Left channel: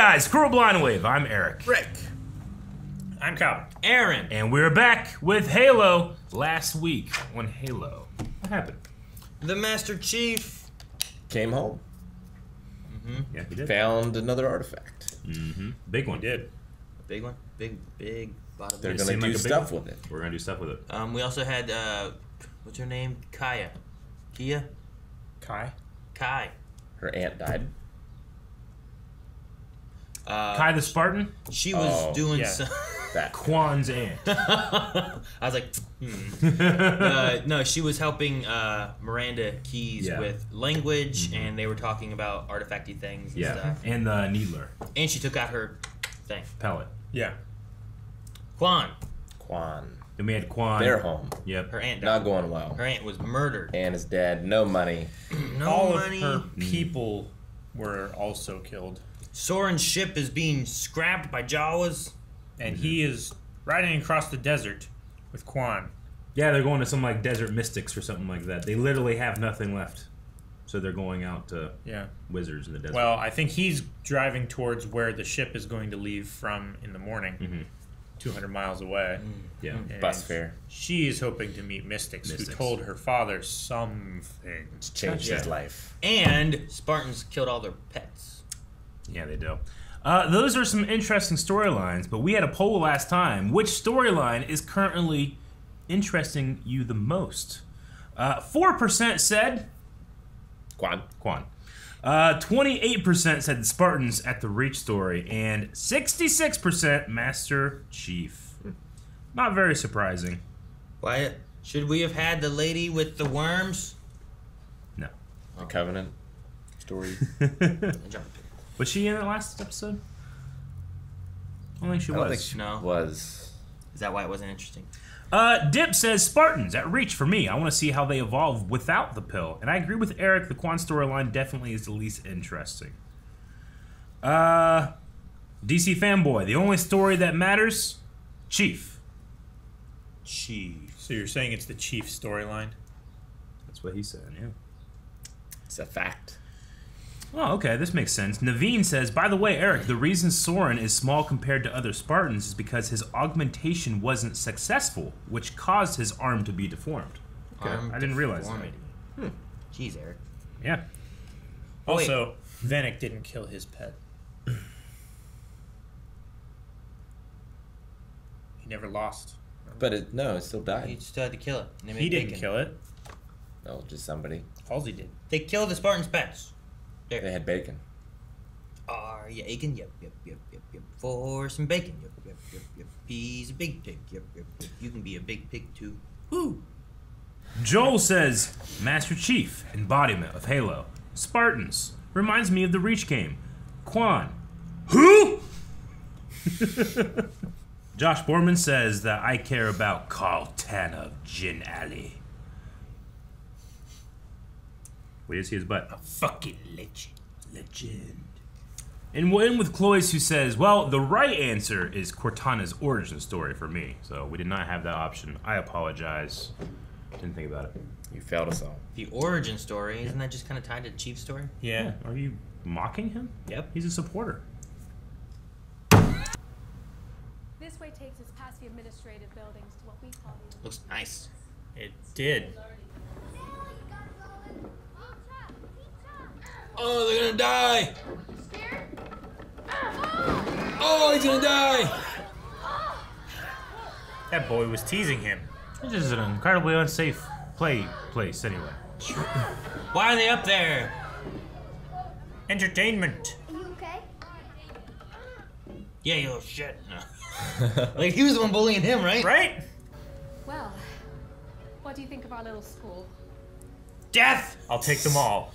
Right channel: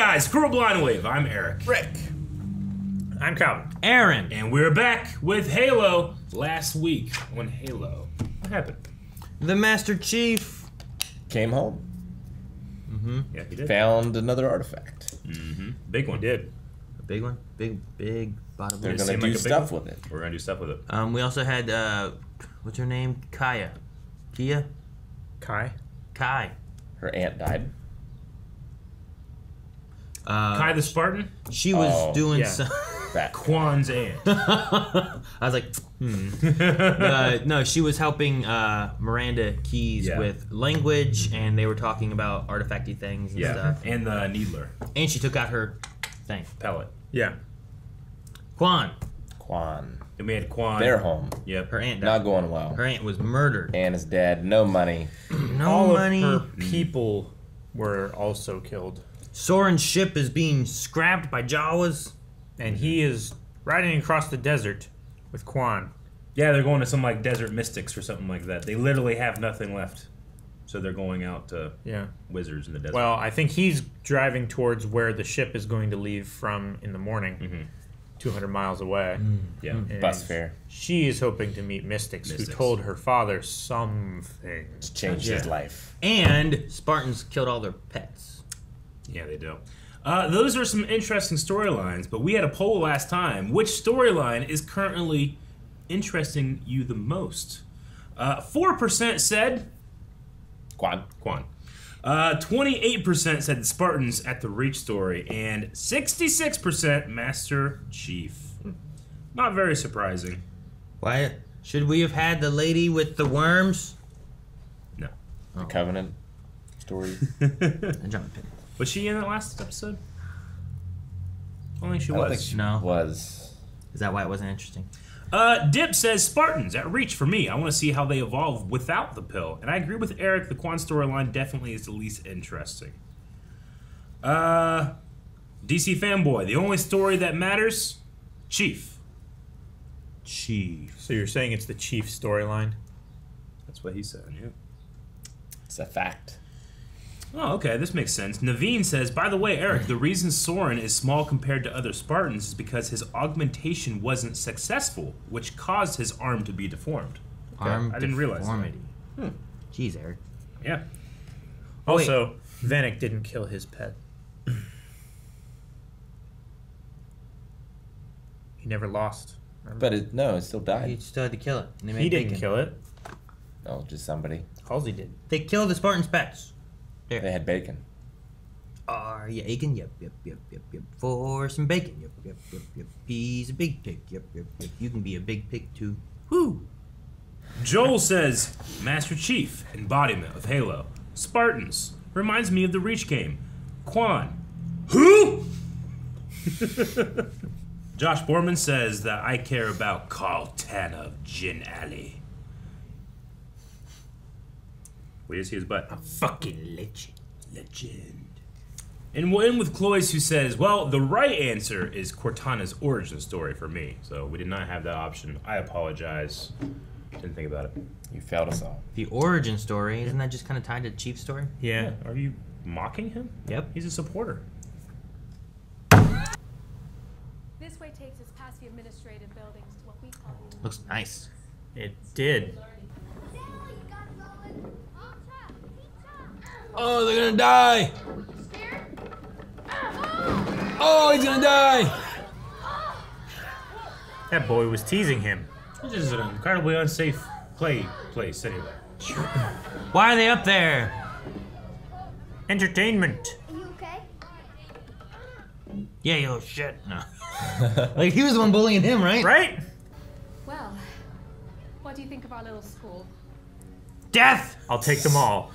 guys, Squirrel Blind Wave. I'm Eric. Rick. I'm Calvin. Aaron. And we're back with Halo. Last week on Halo, what happened? The Master Chief Came home. Yeah, he did. Found another artifact. Big one. We did. A big one? Big bottom. They're It going to seemed do like a big stuff one. with it. We're gonna do stuff with it. We also had, what's her name? Kaya. Kia? Kai. Kai. Her aunt died. Kai the Spartan, She was doing yeah. some... That. Quan's aunt. I was like, no, she was helping Miranda Keys Yeah. with language, and they were talking about artifacty things and stuff. And the Needler And she took out her thing. pellet. Yeah. Quan. Quan. Then we had Quan. They're home. Yep. Her aunt died. Not going well. Her aunt was murdered. Ann is dead. No money. No All money. of her people were also killed. Soren's ship is being scrapped by Jawas. And he is riding across the desert with Quan. Yeah, they're going to some like desert mystics or something like that. They literally have nothing left, so they're going out to Yeah. wizards in the desert. Well, I think he's driving towards where the ship is going to leave from in the morning. 200 miles away. yeah. And Bus fare. She is hoping to meet mystics who told her father something. Changed his life. And Spartans killed all their pets. Yeah, they do. Those are some interesting storylines, but we had a poll last time. Which storyline is currently interesting you the most? 4% said Quan. 28% said the Spartans at the Reach story, and 66% Master Chief. Not very surprising. Wyatt, should we have had the lady with the worms? No. The Covenant story. Was she in the last episode? I don't think she I don't was. think she No. was. Is that why it wasn't interesting? Dip says Spartans at Reach for me. I want to see how they evolve without the pill. And I agree with Eric. The Quan storyline definitely is the least interesting. DC Fanboy. The only story that matters, Chief. So you're saying it's the Chief storyline? That's what he said, yeah. It's a fact. Oh, okay, this makes sense. Naveen says, by the way, Eric, the reason Soren is small compared to other Spartans is because his augmentation wasn't successful, which caused his arm to be deformed. Okay, I didn't realize that. Jeez, Eric. Yeah. Also, Vanek didn't kill his pet. He never lost. But it still He died. still had to kill it. And they made He didn't bacon. kill it. No, just somebody. Halsey did. They killed the Spartans' pets. They had bacon. Are you aching? Yep. For some bacon. Yep. He's a big pig. Yep. You can be a big pig too. Woo! Joel says, Master Chief, embodiment of Halo. Spartans, reminds me of the Reach game. Quan, who? Josh Borman says that I care about Carl Tanner of Gin Alley. Wait to see his butt. Fucking legend. Legend. And we'll end with Cloyce, who says, well, the right answer is Cortana's origin story for me. So we did not have that option. I apologize. Didn't think about it. You failed us all. The origin story, isn't that just kind of tied to Chief's story? Yeah. Are you mocking him? Yep. He's a supporter. This way takes us past the administrative buildings to what we call the... Looks nice. It did. Oh, they're gonna die! Oh, he's gonna die! That boy was teasing him. This is an incredibly unsafe place anyway. Why are they up there? Entertainment. Are you okay? Yeah, yo, shit. No. Like, he was the one bullying him, right? Right? Well, what do you think of our little school? Death! I'll take them all.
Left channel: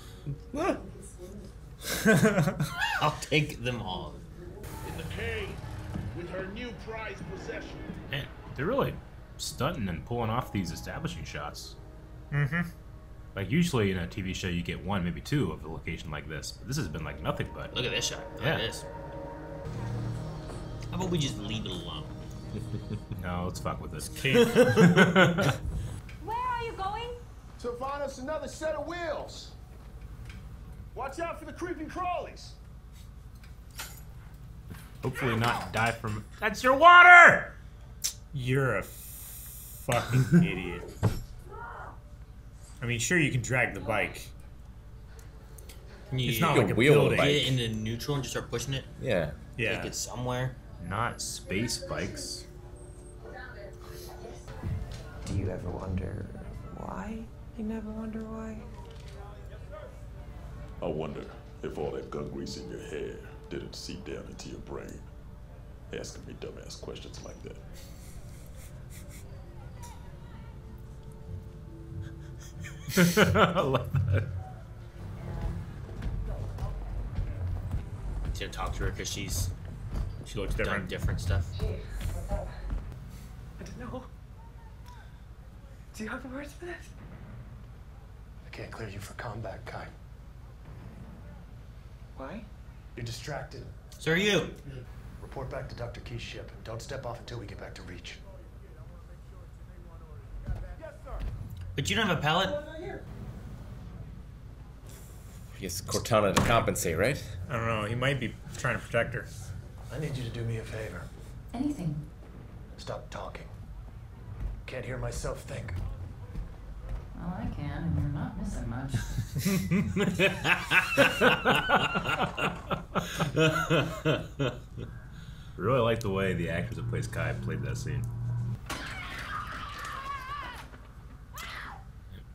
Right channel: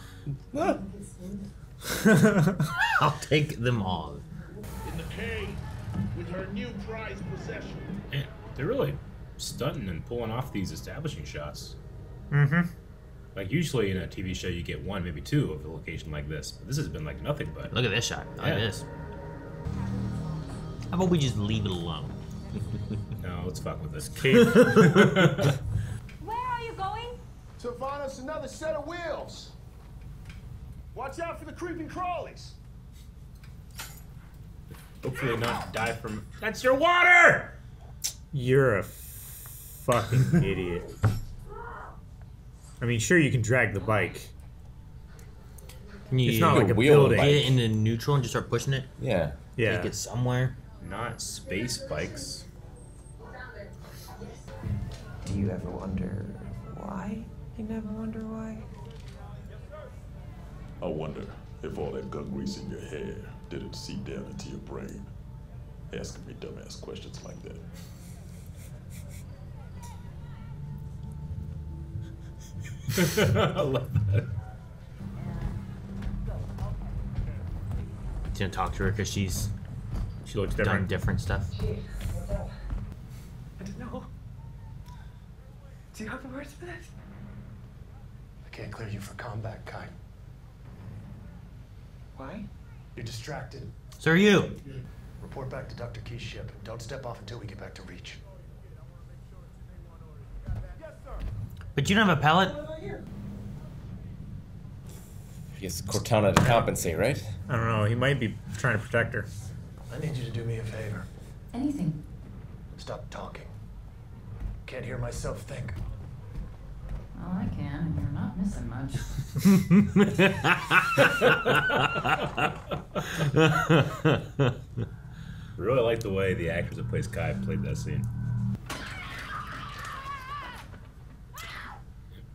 I'll take them all. In the cave with her new prized possession. Man, they're really stunting and pulling off these establishing shots. Mm-hmm. Like usually in a TV show you get one, maybe two of a location like this. But this has been like nothing but. Look at this shot. Look at Yeah. this. How about we just leave it alone? No, let's fuck with this. Cave. Where are you going? To find us another set of wheels. Watch out for the creeping crawlies. Hopefully not die from... That's your water! You're a fucking idiot. I mean, sure, you can drag the bike. Can you It's not like a building. get it into neutral and just start pushing it? Yeah. Yeah. Take it somewhere? Not space bikes. Do you ever wonder why? You never wonder why? I wonder if all that gun grease in your hair didn't seep down into your brain, asking me dumbass questions like that. I love that. He's gonna talk to her because she looks done different. different stuff. I don't know. Do you have the words for this? I can't clear you for combat, Kai. Why? You're distracted. So are you. Report back to Dr. Key's ship and don't step off until we get back to Reach. But you don't have a pallet? I guess Cortana to compensate, right? I don't know. He might be trying to protect her. I need you to do me a favor. Anything. Stop talking. Can't hear myself think. Well, I can, and you're not missing much. Really like the way the actress that plays Kai played that scene.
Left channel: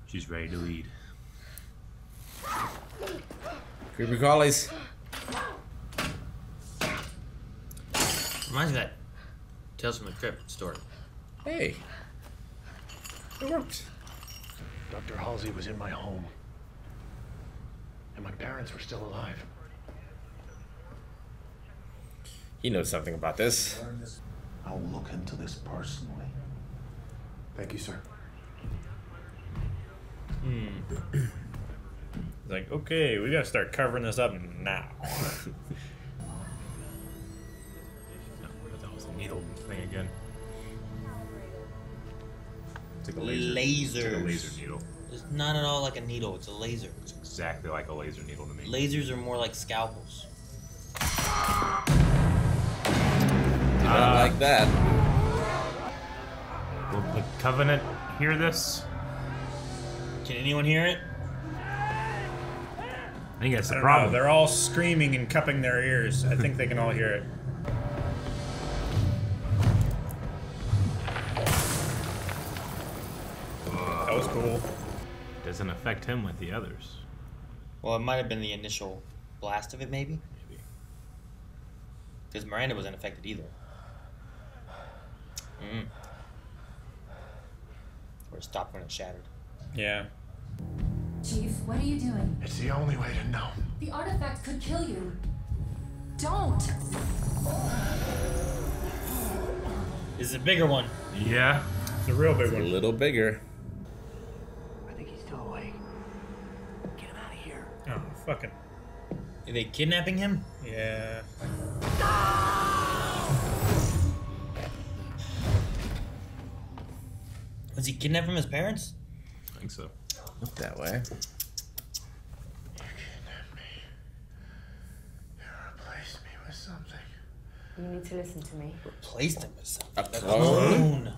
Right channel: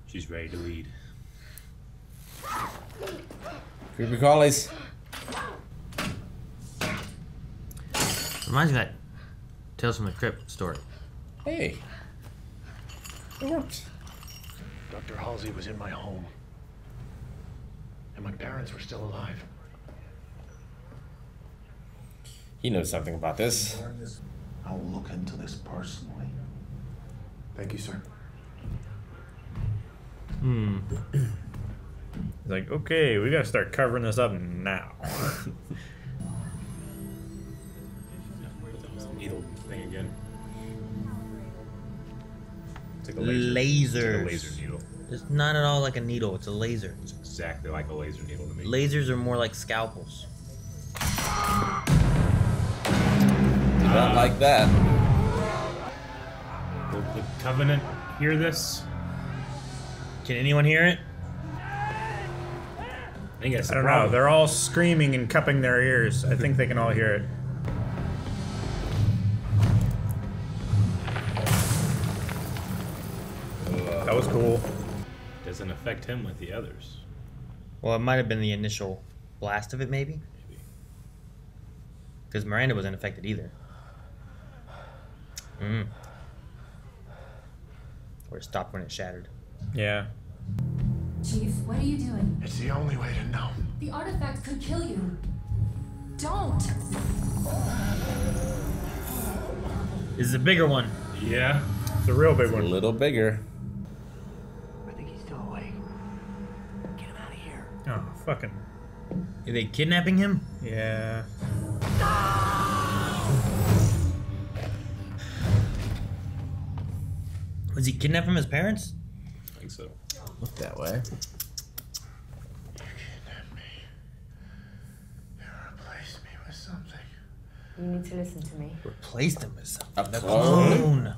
She's ready to lead. Creepy crawlies. Reminds me of that Tales from the Crypt story. Hey. It worked. Dr. Halsey was in my home. And my parents were still alive. He knows something about this. I will look into this personally. Thank you, sir. Like, okay, we gotta start covering this up now. That was a needle thing again. It's like a Lasers. It's like a laser needle. It's not at all like a needle, it's a laser. It's exactly like a laser needle to me. Lasers are more like scalpels. Not like that. Will the Covenant hear this? Can anyone hear it? I think that's I the don't know. problem. They're all screaming and cupping their ears. I think they can all hear it. That was cool. Doesn't affect him like the others. Well, it might have been the initial blast of it, maybe? Because Miranda wasn't affected either. Or it stopped when it shattered. Yeah. Chief, what are you doing? It's the only way to know. The artifact could kill you. Don't! This is a bigger one. Yeah. It's a real big A one. little bigger. I think he's still awake. Get him out of here. Oh, fucking. Are they kidnapping him? Yeah. Was he kidnapped from his parents? I think so. Look that way. You kidnapped me. You replaced me with something. You need to listen to me. Replaced him with something. A The clone? clone.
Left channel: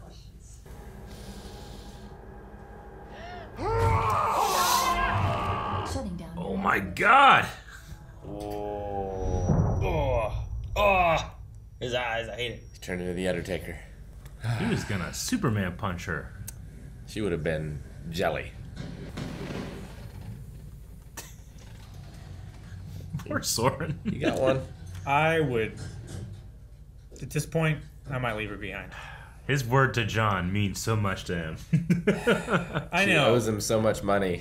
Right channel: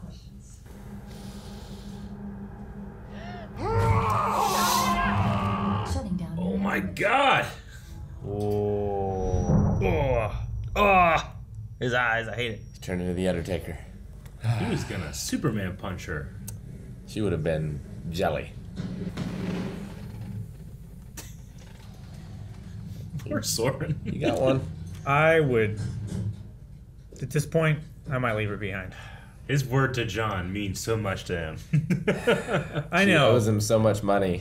Shutting down. Oh my god! Oh. His eyes, I hate it. He turned into the Undertaker. He was gonna Superman punch her. She would have been jelly. Poor Soren. You got one? I would. At this point, I might leave her behind. His word to John means so much to him. I She know. owes him so much money.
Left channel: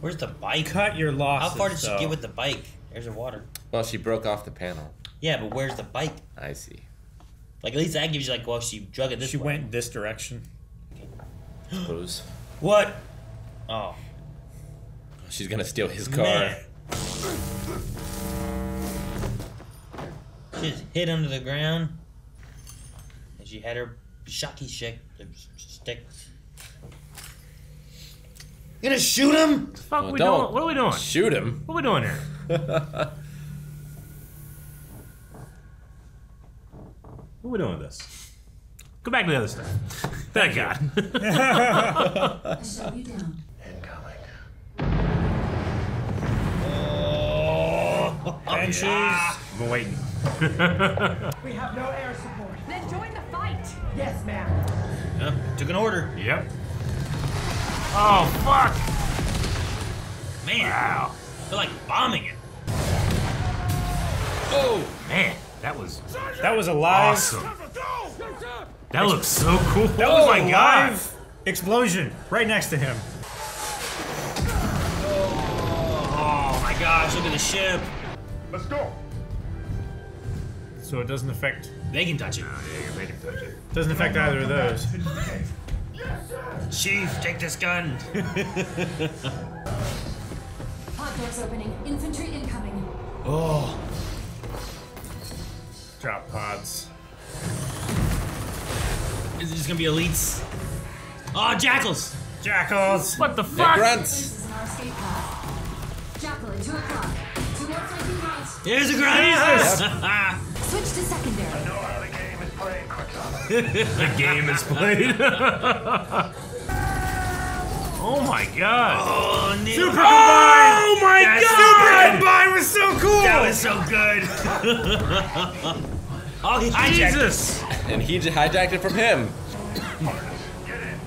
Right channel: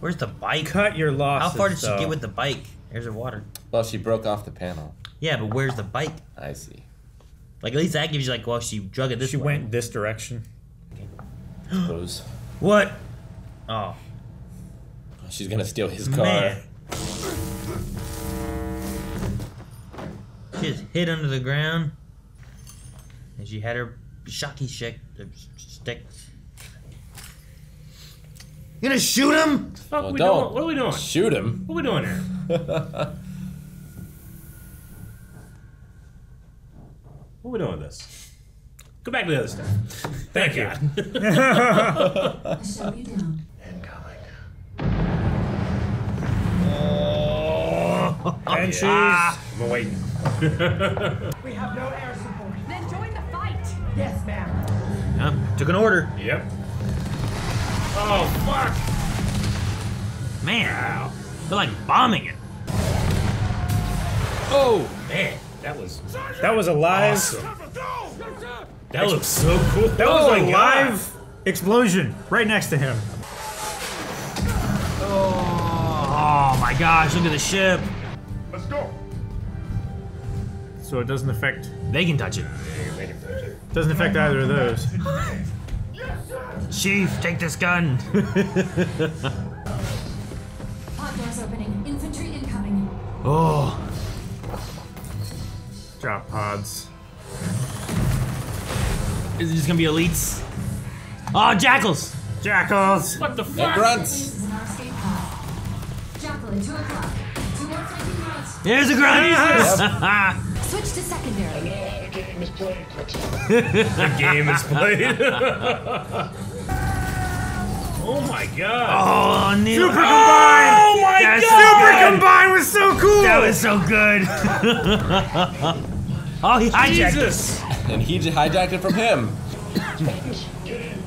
Where's the bike? Cut your losses. How far did she though. get with the bike? There's her water. Well, she broke off the panel. Yeah, but where's the bike? I see. Like, at least that gives you, like, well, she drug it this She way. went this direction. Suppose. What? Oh. She's gonna steal his car. Man. She just hid under the ground. And she had her shocky stick. You gonna shoot him? Fuck, Well, we don't doing? What are we doing? Shoot him. What are we doing here? What are we doing with this? Go back to the other stuff. Thank God. I shut you down. Incoming. Banshees. I'm waiting. We have no air support. Then join the fight. Yes, ma'am. Yep. Took an order. Yep. Oh, fuck. Man, they're like bombing it. Oh, man. That was That was a live. awesome. That looks so cool. That was oh a my God. live explosion right next to him. Oh my gosh, look at the ship. Let's go. So it doesn't affect. They can touch it. Doesn't affect either of those. Chief, take this gun. Pod doors opening. Infantry incoming. Oh. Drop pods. Is it just gonna be elites? Oh, jackals! Jackals. What the The fuck? grunts. This is an escape pod. Jackal at 2 o'clock. 2 more flanking grunts. There's a grunt! Switch to secondary. I know how the game is played, Cortana. The game is played. Oh my God. Oh, Neil. Oh my That's God. Combine was so cool. That was so good. Oh, he hijacked it. Jesus. And he hijacked it from him. Spartans, get in.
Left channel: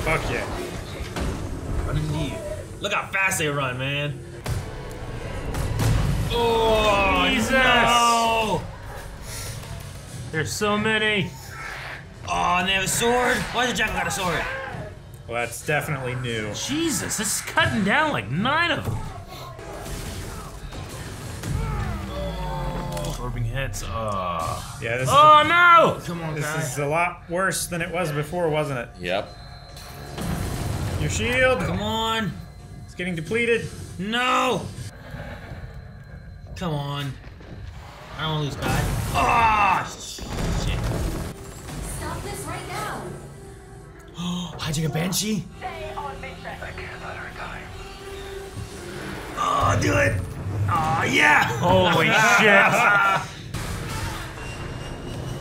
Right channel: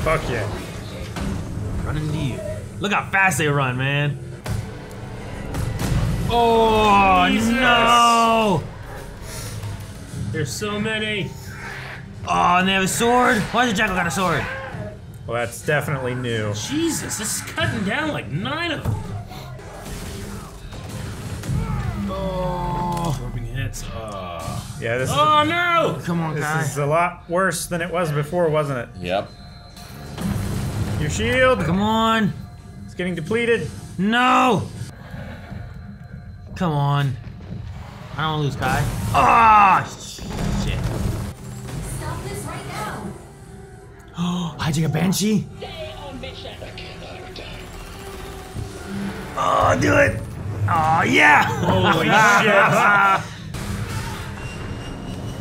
Fuck yeah. Look how fast they run, man. Oh, Jesus. no. There's so many. Oh, and they have a sword. Why does the jackal got a sword? Well, that's definitely new. Jesus, this is cutting down like 9 of them. Oh, orbing heads. Yeah, this Oh no! Come on, is guys. a lot worse than it was before, wasn't it? Yep. Your shield. Come on. It's getting depleted. No. Come on. I don't want to lose Kai. Ah, shit. Stop this right now. Hijack a banshee. Stay on mission. I can't let her die. Oh, do it. Oh, yeah. Holy shit!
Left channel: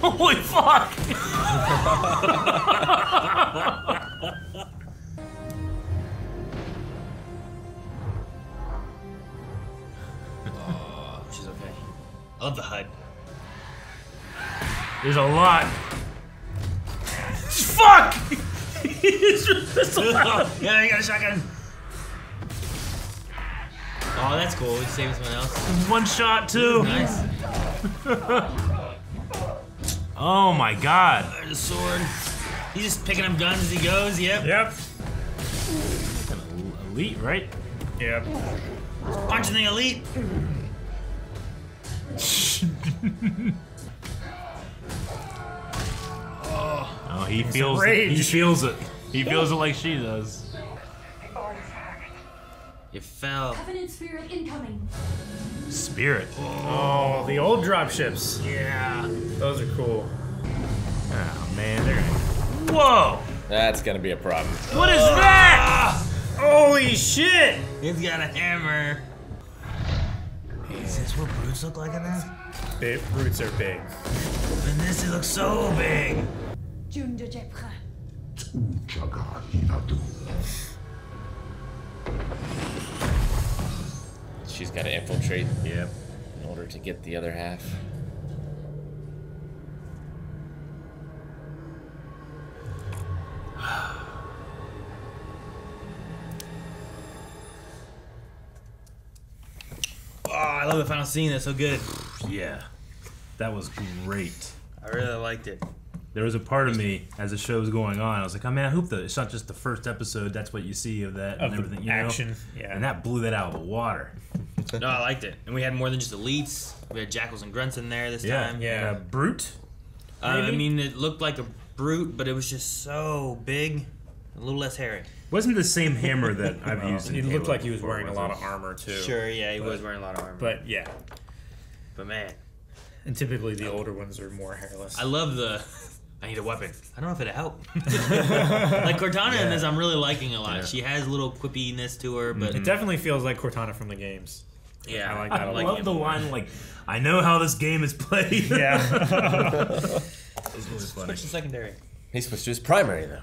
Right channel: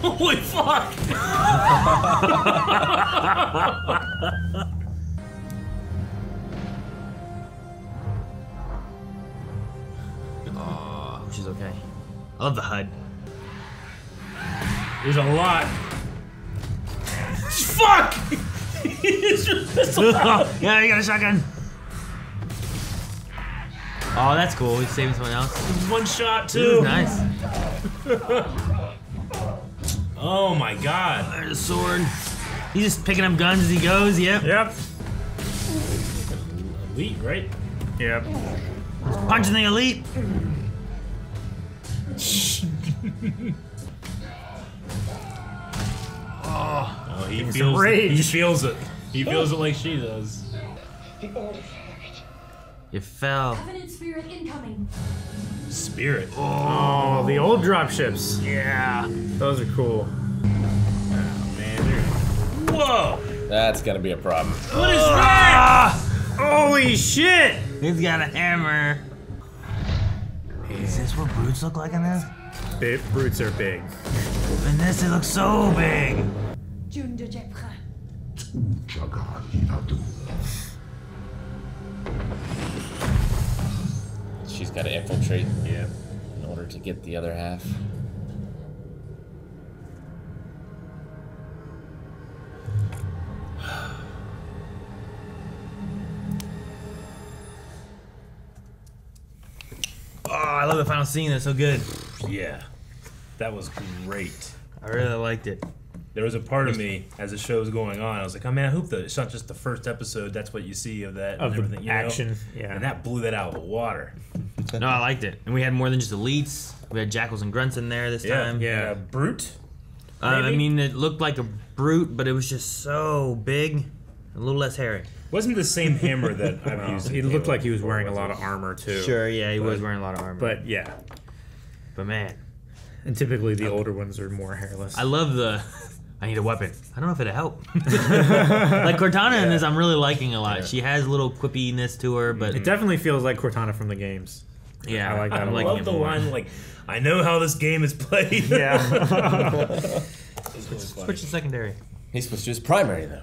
Holy fuck! Oh, she's okay. I love the HUD. There's a lot. Fuck! It's just pistol out. Yeah, you got a shotgun. Oh, that's cool. He's saving someone else. One shot too. Nice. Oh my God! There's a sword. He's just picking up guns as he goes. Yep. Yep. Elite, right? Yep. Punching the elite. Oh, he some feels. rage. He feels it. He feels it like she does. The artifact. You fell. Covenant spirit incoming. Spirit. Oh, the old dropships. Yeah. Those are cool. Oh man. Whoa! That's gonna be a problem. What is that? Holy shit! He's got a hammer. Is this what brutes look like in this? Roots are big. In this, it looks so big. June de Jepra. She's gotta infiltrate Yeah. in order to get the other half. Oh, I love the final scene. That's so good. Yeah. That was great. I really liked it. There was a part of me as the show was going on. I was like, oh man, I hope that it's not just the first episode. That's what you see of that Of and the everything. You action. know? Yeah. And that blew that out of the water. No, I liked it. And we had more than just elites. We had jackals and grunts in there this time. Yeah. Brute. I maybe? mean, it looked like a brute, but it was just so big. A little less hairy. Wasn't the same hammer that I've used. He in looked Halo like he was before, wearing a was lot it? of armor too. Sure, yeah, he was wearing a lot of armor. But yeah. But man, And typically the older ones are more hairless. I love the. I need a weapon. I don't know if it'd help. Like Cortana in this, I'm really liking a lot. She has a little quippiness to her, but It definitely feels like Cortana from the games. Yeah, I like that I a lot. love the line, like, I know how this game is played. Yeah. Switch to secondary. He switched to his primary though.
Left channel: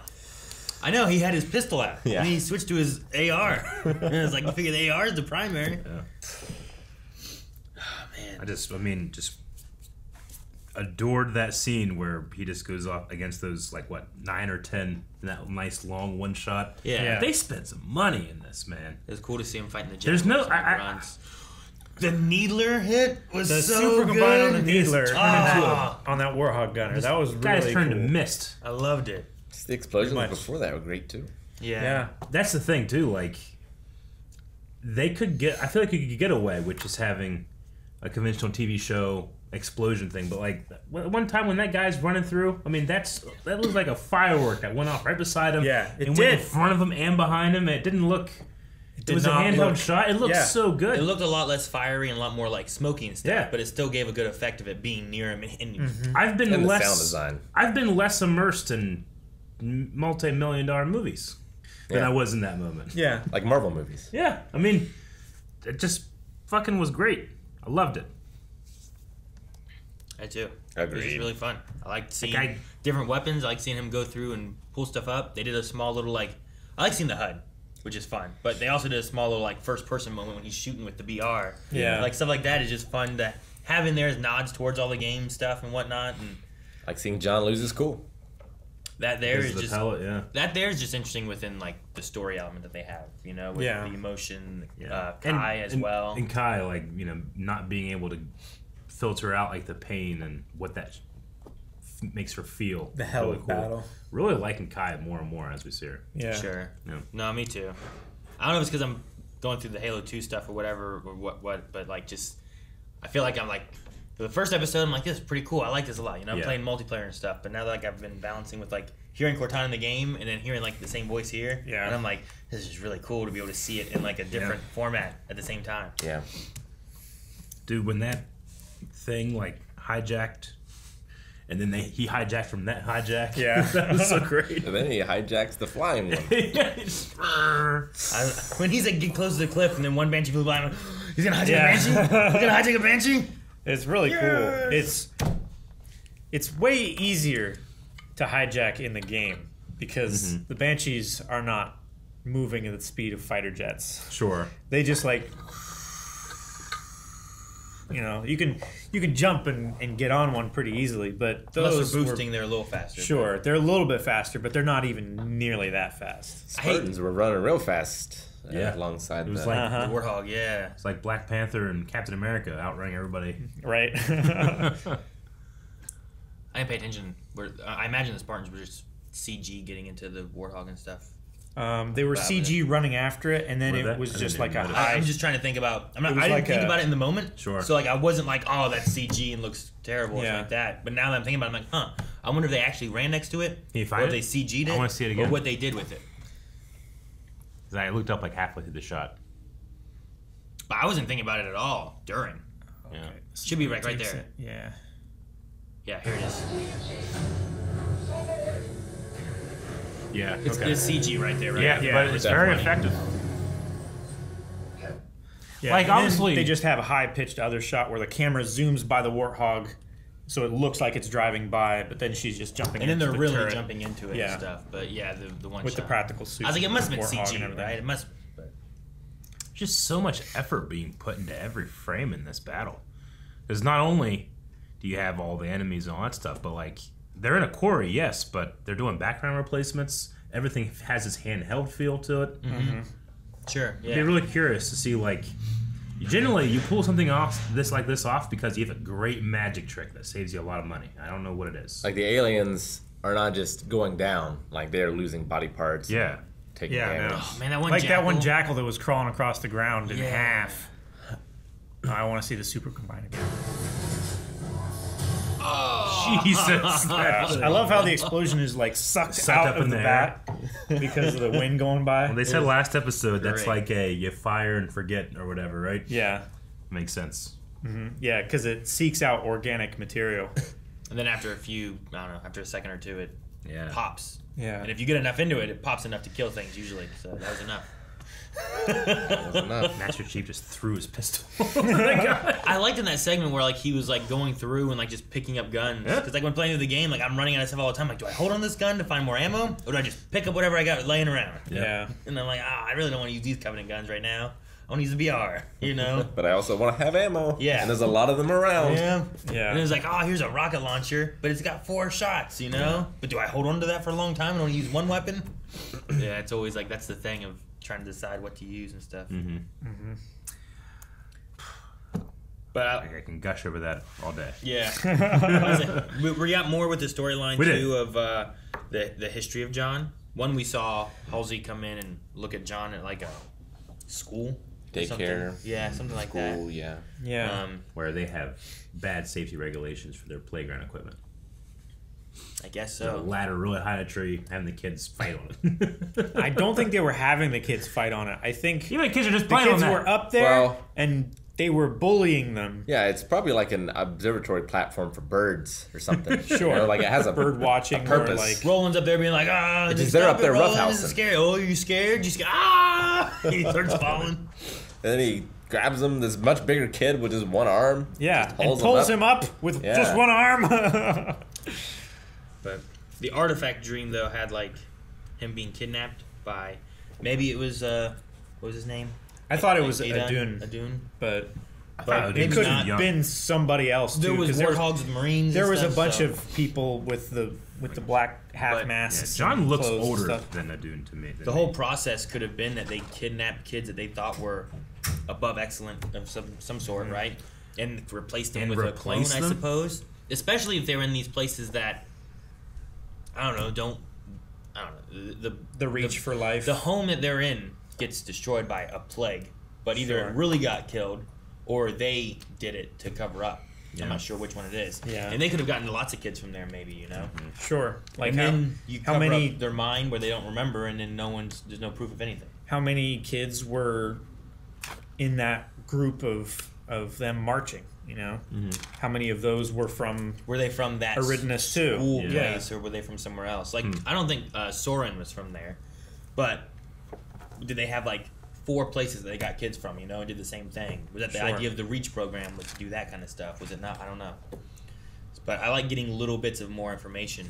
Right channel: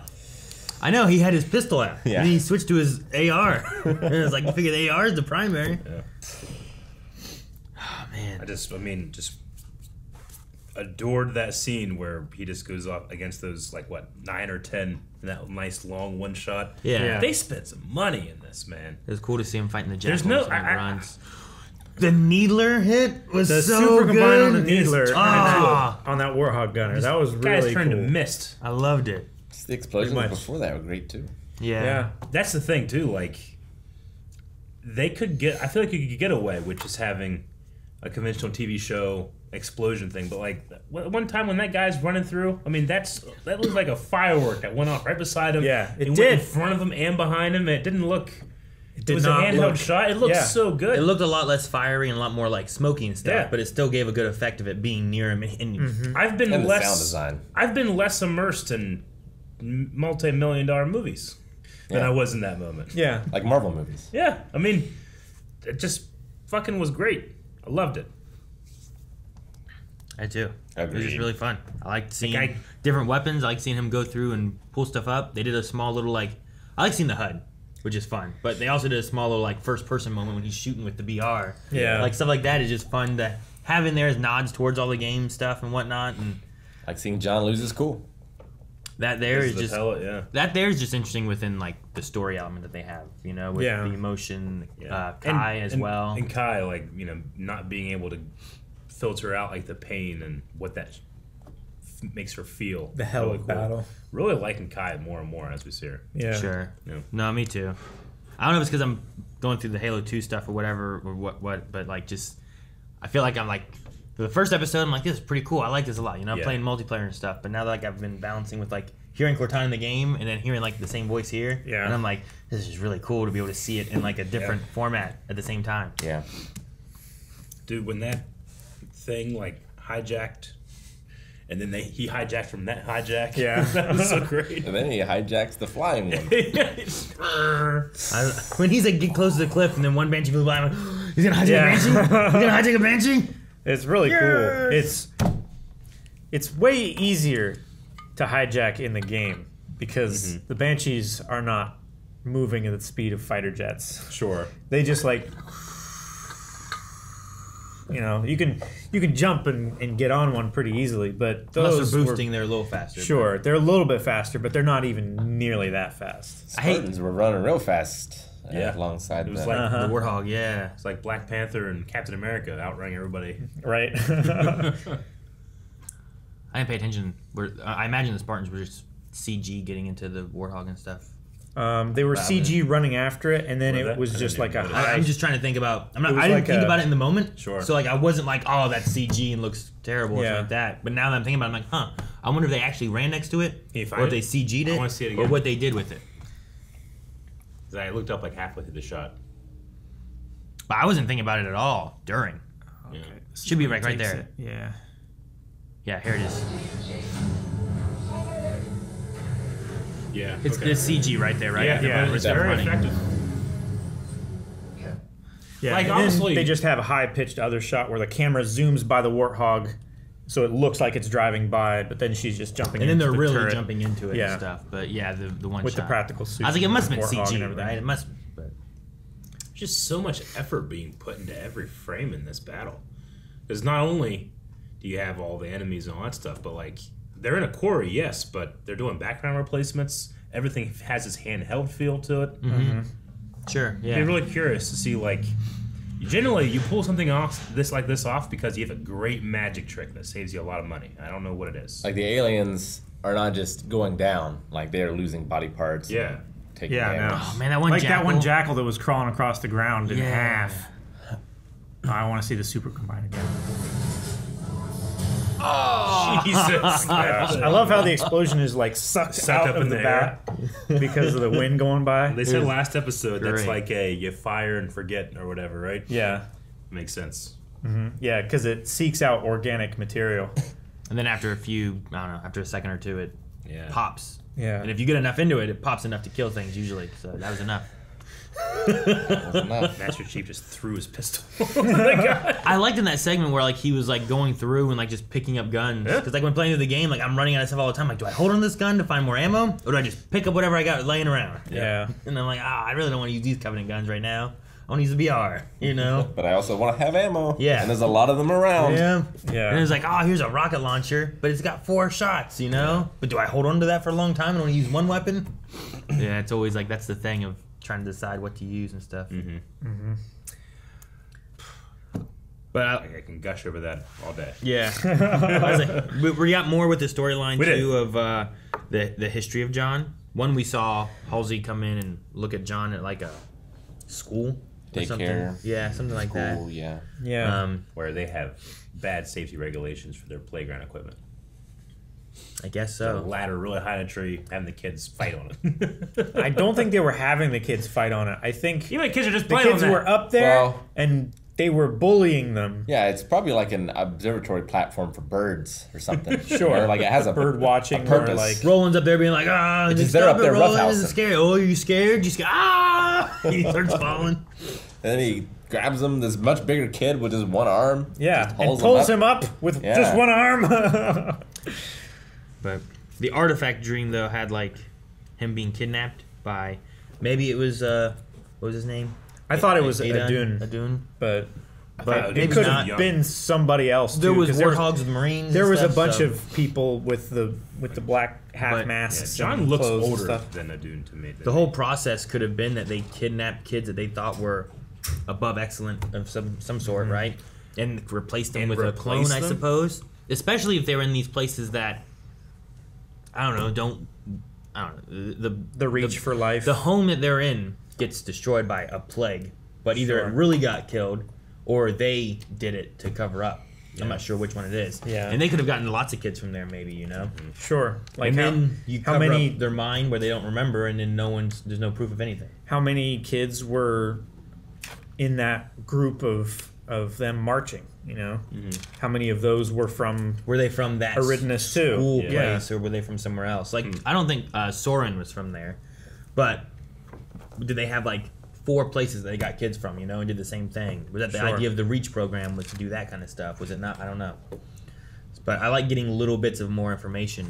I know, he had his pistol out. Yeah. And then he switched to his AR. And it's like, you figure the AR is the primary. Yeah. Oh, man. I mean, just adored that scene where he just goes off against those, like, what, 9 or 10, that nice long one shot. Yeah. They spent some money in this, man. It was cool to see him fighting the There's Jackals no- on the runs. The Needler hit was The so super good. combine on the Needler Ah. on that Warhawk gunner. That was really Guys turned cool. to mist. I loved it. Just the explosions much. before that were great too. Yeah. That's the thing, too. Like, they could get... I feel like you could get away with just having a conventional TV show explosion thing. But, like, one time when that guy's running through, I mean, that looks like a firework that went off right beside him. Yeah, it went did. in front of him and behind him. It didn't look... It was a not handheld look- shot. It looked Yeah. so good. It looked a lot less fiery and a lot more like smoky and stuff, Yeah. but it still gave a good effect of it being near him. And I've been And the less... sound design. I've been less immersed in multi-million-dollar movies than I was in that moment. Yeah. Like Marvel movies. Yeah, I mean, it just fucking was great. I loved it. I do. It was Agreed. just really fun. I liked seeing Like different weapons. I liked seeing him go through and pull stuff up. They did a small little I like seeing the HUD, which is fun. But they also did a small little first person moment when he's shooting with the BR. Yeah. Like stuff like that is just fun to have in there as nods towards all the game stuff and whatnot. And Like seeing John lose his cool. that there is The just pellet, yeah. that there is just interesting within like the story element that they have. You know, with Yeah. the emotion, Yeah. Kai as well. And Kai, like, you know, not being able to filter out, like, the pain and what that makes her feel. The hell really of cool. battle. Really liking Kai more and more as we see her. Yeah. Sure. Yeah. No, me too. I don't know if it's because I'm going through the Halo 2 stuff or whatever, or what, but like just, I feel like I'm like, for the first episode, I'm like, this is pretty cool. I like this a lot. You know, I'm Yeah. playing multiplayer and stuff, but now that like I've been balancing with like hearing Cortana in the game and then hearing like the same voice here, Yeah. and I'm like, this is really cool to be able to see it in like a different format at the same time. Yeah. Dude, when that thing, like, hijacked, and then he hijacked from that hijack. Yeah. That was so great. And then he hijacks the flying one. When he's like get close to the cliff and then one Banshee flew by, I'm like, he's gonna hijack Yeah. a Banshee? He's gonna hijack a Banshee? It's really cool. It's way easier to hijack in the game because the Banshees are not moving at the speed of fighter jets. Sure. They just like, you know, you can jump and get on one pretty easily, but those Unless they're were- boosting, they're a little faster. Sure, they're a little bit faster, but they're not even nearly that fast. Spartans were running real fast. Yeah. Alongside It was the, like The Warthog, yeah. it's like Black Panther and Captain America outrunning everybody. Right? I didn't pay attention. I imagine the Spartans were just CG getting into the Warthog and stuff. They were CG running after it, and then Well, it was I just didn't like a even high. I'm just trying to think about. It was I didn't like think a- about it in the moment. Sure. So like I wasn't like, oh, that's CG and looks terrible or Yeah. something like that. But now that I'm thinking about it, I'm like, huh. I wonder if they actually ran next to it, Can you or find if it? they CG'd it, I wanna see it or again. what they did with it. 'Cause I looked up like halfway through the shot. But I wasn't thinking about it at all during. Yeah. Should be right there. Yeah. Yeah, here it is. Yeah. It's okay. CG right there, right? Yeah, but it's very effective. Yeah, Like, and then honestly- they just have a high-pitched other shot where the camera zooms by the Warthog, so it looks like it's driving by, but then she's just jumping. And then into they're the really turret. jumping into it Yeah. and stuff. But yeah, the one With shot. the practical suit. I was like, it must have been Warthog and CG, everything. right? It must. But Just so much effort being put into every frame in this battle. Because not only do you have all the enemies and all that stuff, but like they're in a quarry, yes, but they're doing background replacements. Everything has this handheld feel to it. Sure, yeah. I'd be really curious to see like. Generally, you pull something off like this off because you have a great magic trick that saves you a lot of money. I don't know what it is. like the aliens are not just going down, like they're losing body parts. Yeah. and taking Yeah, damage. no. Oh man, that one Like jackal. that one jackal that was crawling across the ground in Yeah. half. I want to see the super combine again. Jesus. I love how the explosion is like sucked out up of in the the bat because of the wind going by. They said last episode that's great. like a you fire and forget or whatever, right? Yeah, Makes sense. yeah, because it seeks out organic material. And then after a few, I don't know, after a second or two, it Yeah. pops. Yeah. And if you get enough into it, it pops enough to kill things usually. So that was enough. Master Chief just threw his pistol. I liked in that segment where like he was like going through and like just picking up guns. Because like when playing through the game, like I'm running out of stuff all the time. Like, do I hold on to this gun to find more ammo, or do I just pick up whatever I got laying around? Yeah. And I'm like, I really don't want to use these Covenant guns right now. I want to use the BR, you know. But I also want to have ammo. Yeah. And there's a lot of them around. Yeah. Yeah. And it was like, oh, here's a rocket launcher, but it's got 4 shots, you know. But do I hold on to that for a long time and only use one weapon? Yeah, it's always like that's the thing of trying to decide what to use and stuff. But I can gush over that all day. Yeah. I was like, we got more with the storyline too of the history of John. One, we saw Halsey come in and look at John at like a school. Or something. Daycare. Yeah, something like that. School, yeah. Yeah. Where they have bad safety regulations for their playground equipment. I guess The so. ladder really high in a tree, having the kids fight on it. I don't think they were having the kids fight on it. I think Even the kids are just the playing kids on that. were up there Well- and they were bullying them. Yeah, it's probably like an observatory platform for birds or something. Sure. You know, like it has a Bird watching or purpose. like Roland's up there being like, just they're stop up it, there Roland, roughhousing. this is scary. Oh, are you scared? You scared? He starts falling. And then he grabs him, this much bigger kid with just one arm. yeah, just and holds pulls him up with Yeah. just one arm. But the artifact dream though had like him being kidnapped by maybe it was what was his name? I thought it was Adun. Adun, but thought it was could young. have been somebody else too. There was 'cause warthogs with Marines. There and was stuff, a bunch so- of people with the black half But, masks. John and looks clothes and older stuff. than a Dune to me. The whole process could have been that they kidnapped kids that they thought were above excellent of some sort, right? And replaced them And with a clone, replace I them? suppose. Especially if they were in these places that I don't know. The reach for life. The home that they're in gets destroyed by a plague, but either Sure. it really got killed or they did it to cover up. I'm not sure which one it is. Yeah. And they could have gotten lots of kids from there, maybe, you know. Sure. Like And how, then you how cover many up their mind where they don't remember, and then there's no proof of anything. how many kids were in that group of them marching? You know, how many of those were from? Were they from that Aridness too? school Yeah. place, or were they from somewhere else? Like, I don't think Soren was from there, but did they have like 4 places that they got kids from? You know, and did the same thing? Was that the Sure. idea of the Reach program was to do that kind of stuff? Was it not? I don't know. But I like getting little bits of more information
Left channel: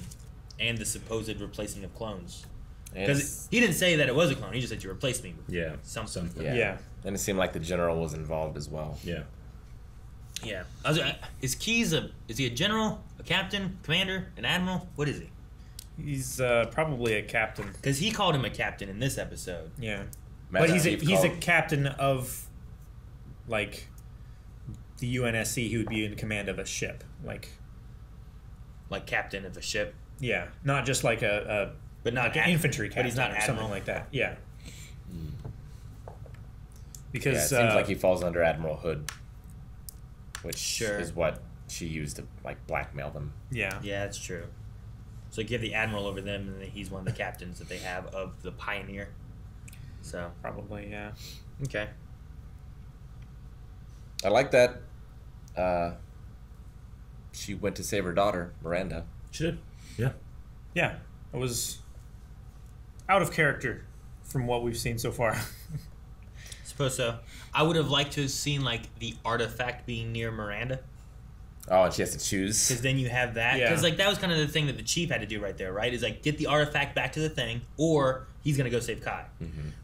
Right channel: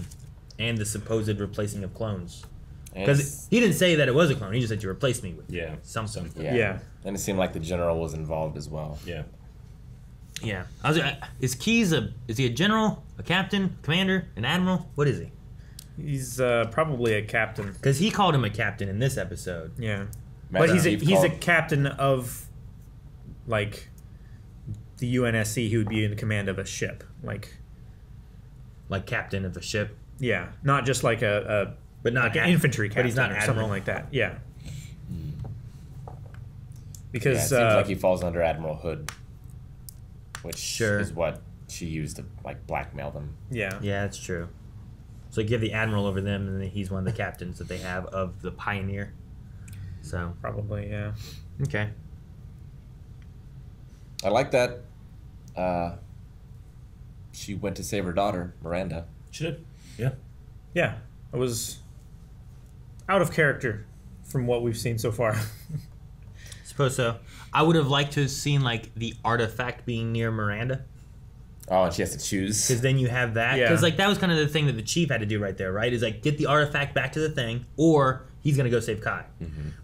and the supposed replacing of clones. Because he didn't say that it was a clone. He just said you replaced me with something. Yeah. And it seemed like the general was involved as well. Yeah. Yeah. Is Keyes is he a general, a captain, commander, an admiral? What is he? He's probably a captain. Because he called him a captain in this episode. Yeah. Master But he's Chief a called. captain of like the UNSC. He would be in command of a ship. Like captain of a ship. Yeah, not just like a But not like an infantry captain But he's not or admiral. something like that. Yeah. Yeah, it Because seems like he falls under Admiral Hood, which Sure. is what she used to like blackmail them. yeah. Yeah, that's true. So give the admiral over them, and then he's one of the captains that they have of the Pioneer. So Probably, yeah. okay. I like that she went to save her daughter, Miranda. She did. Yeah. Yeah. It was out of character from what we've seen so far. Suppose so. I would have liked to have seen like the artifact being near Miranda, Oh, and she has to choose. because then you have that. Yeah. Because like that was kind of the thing that the chief had to do right there, right? Is like get the artifact back to the thing, or he's gonna go save Kai.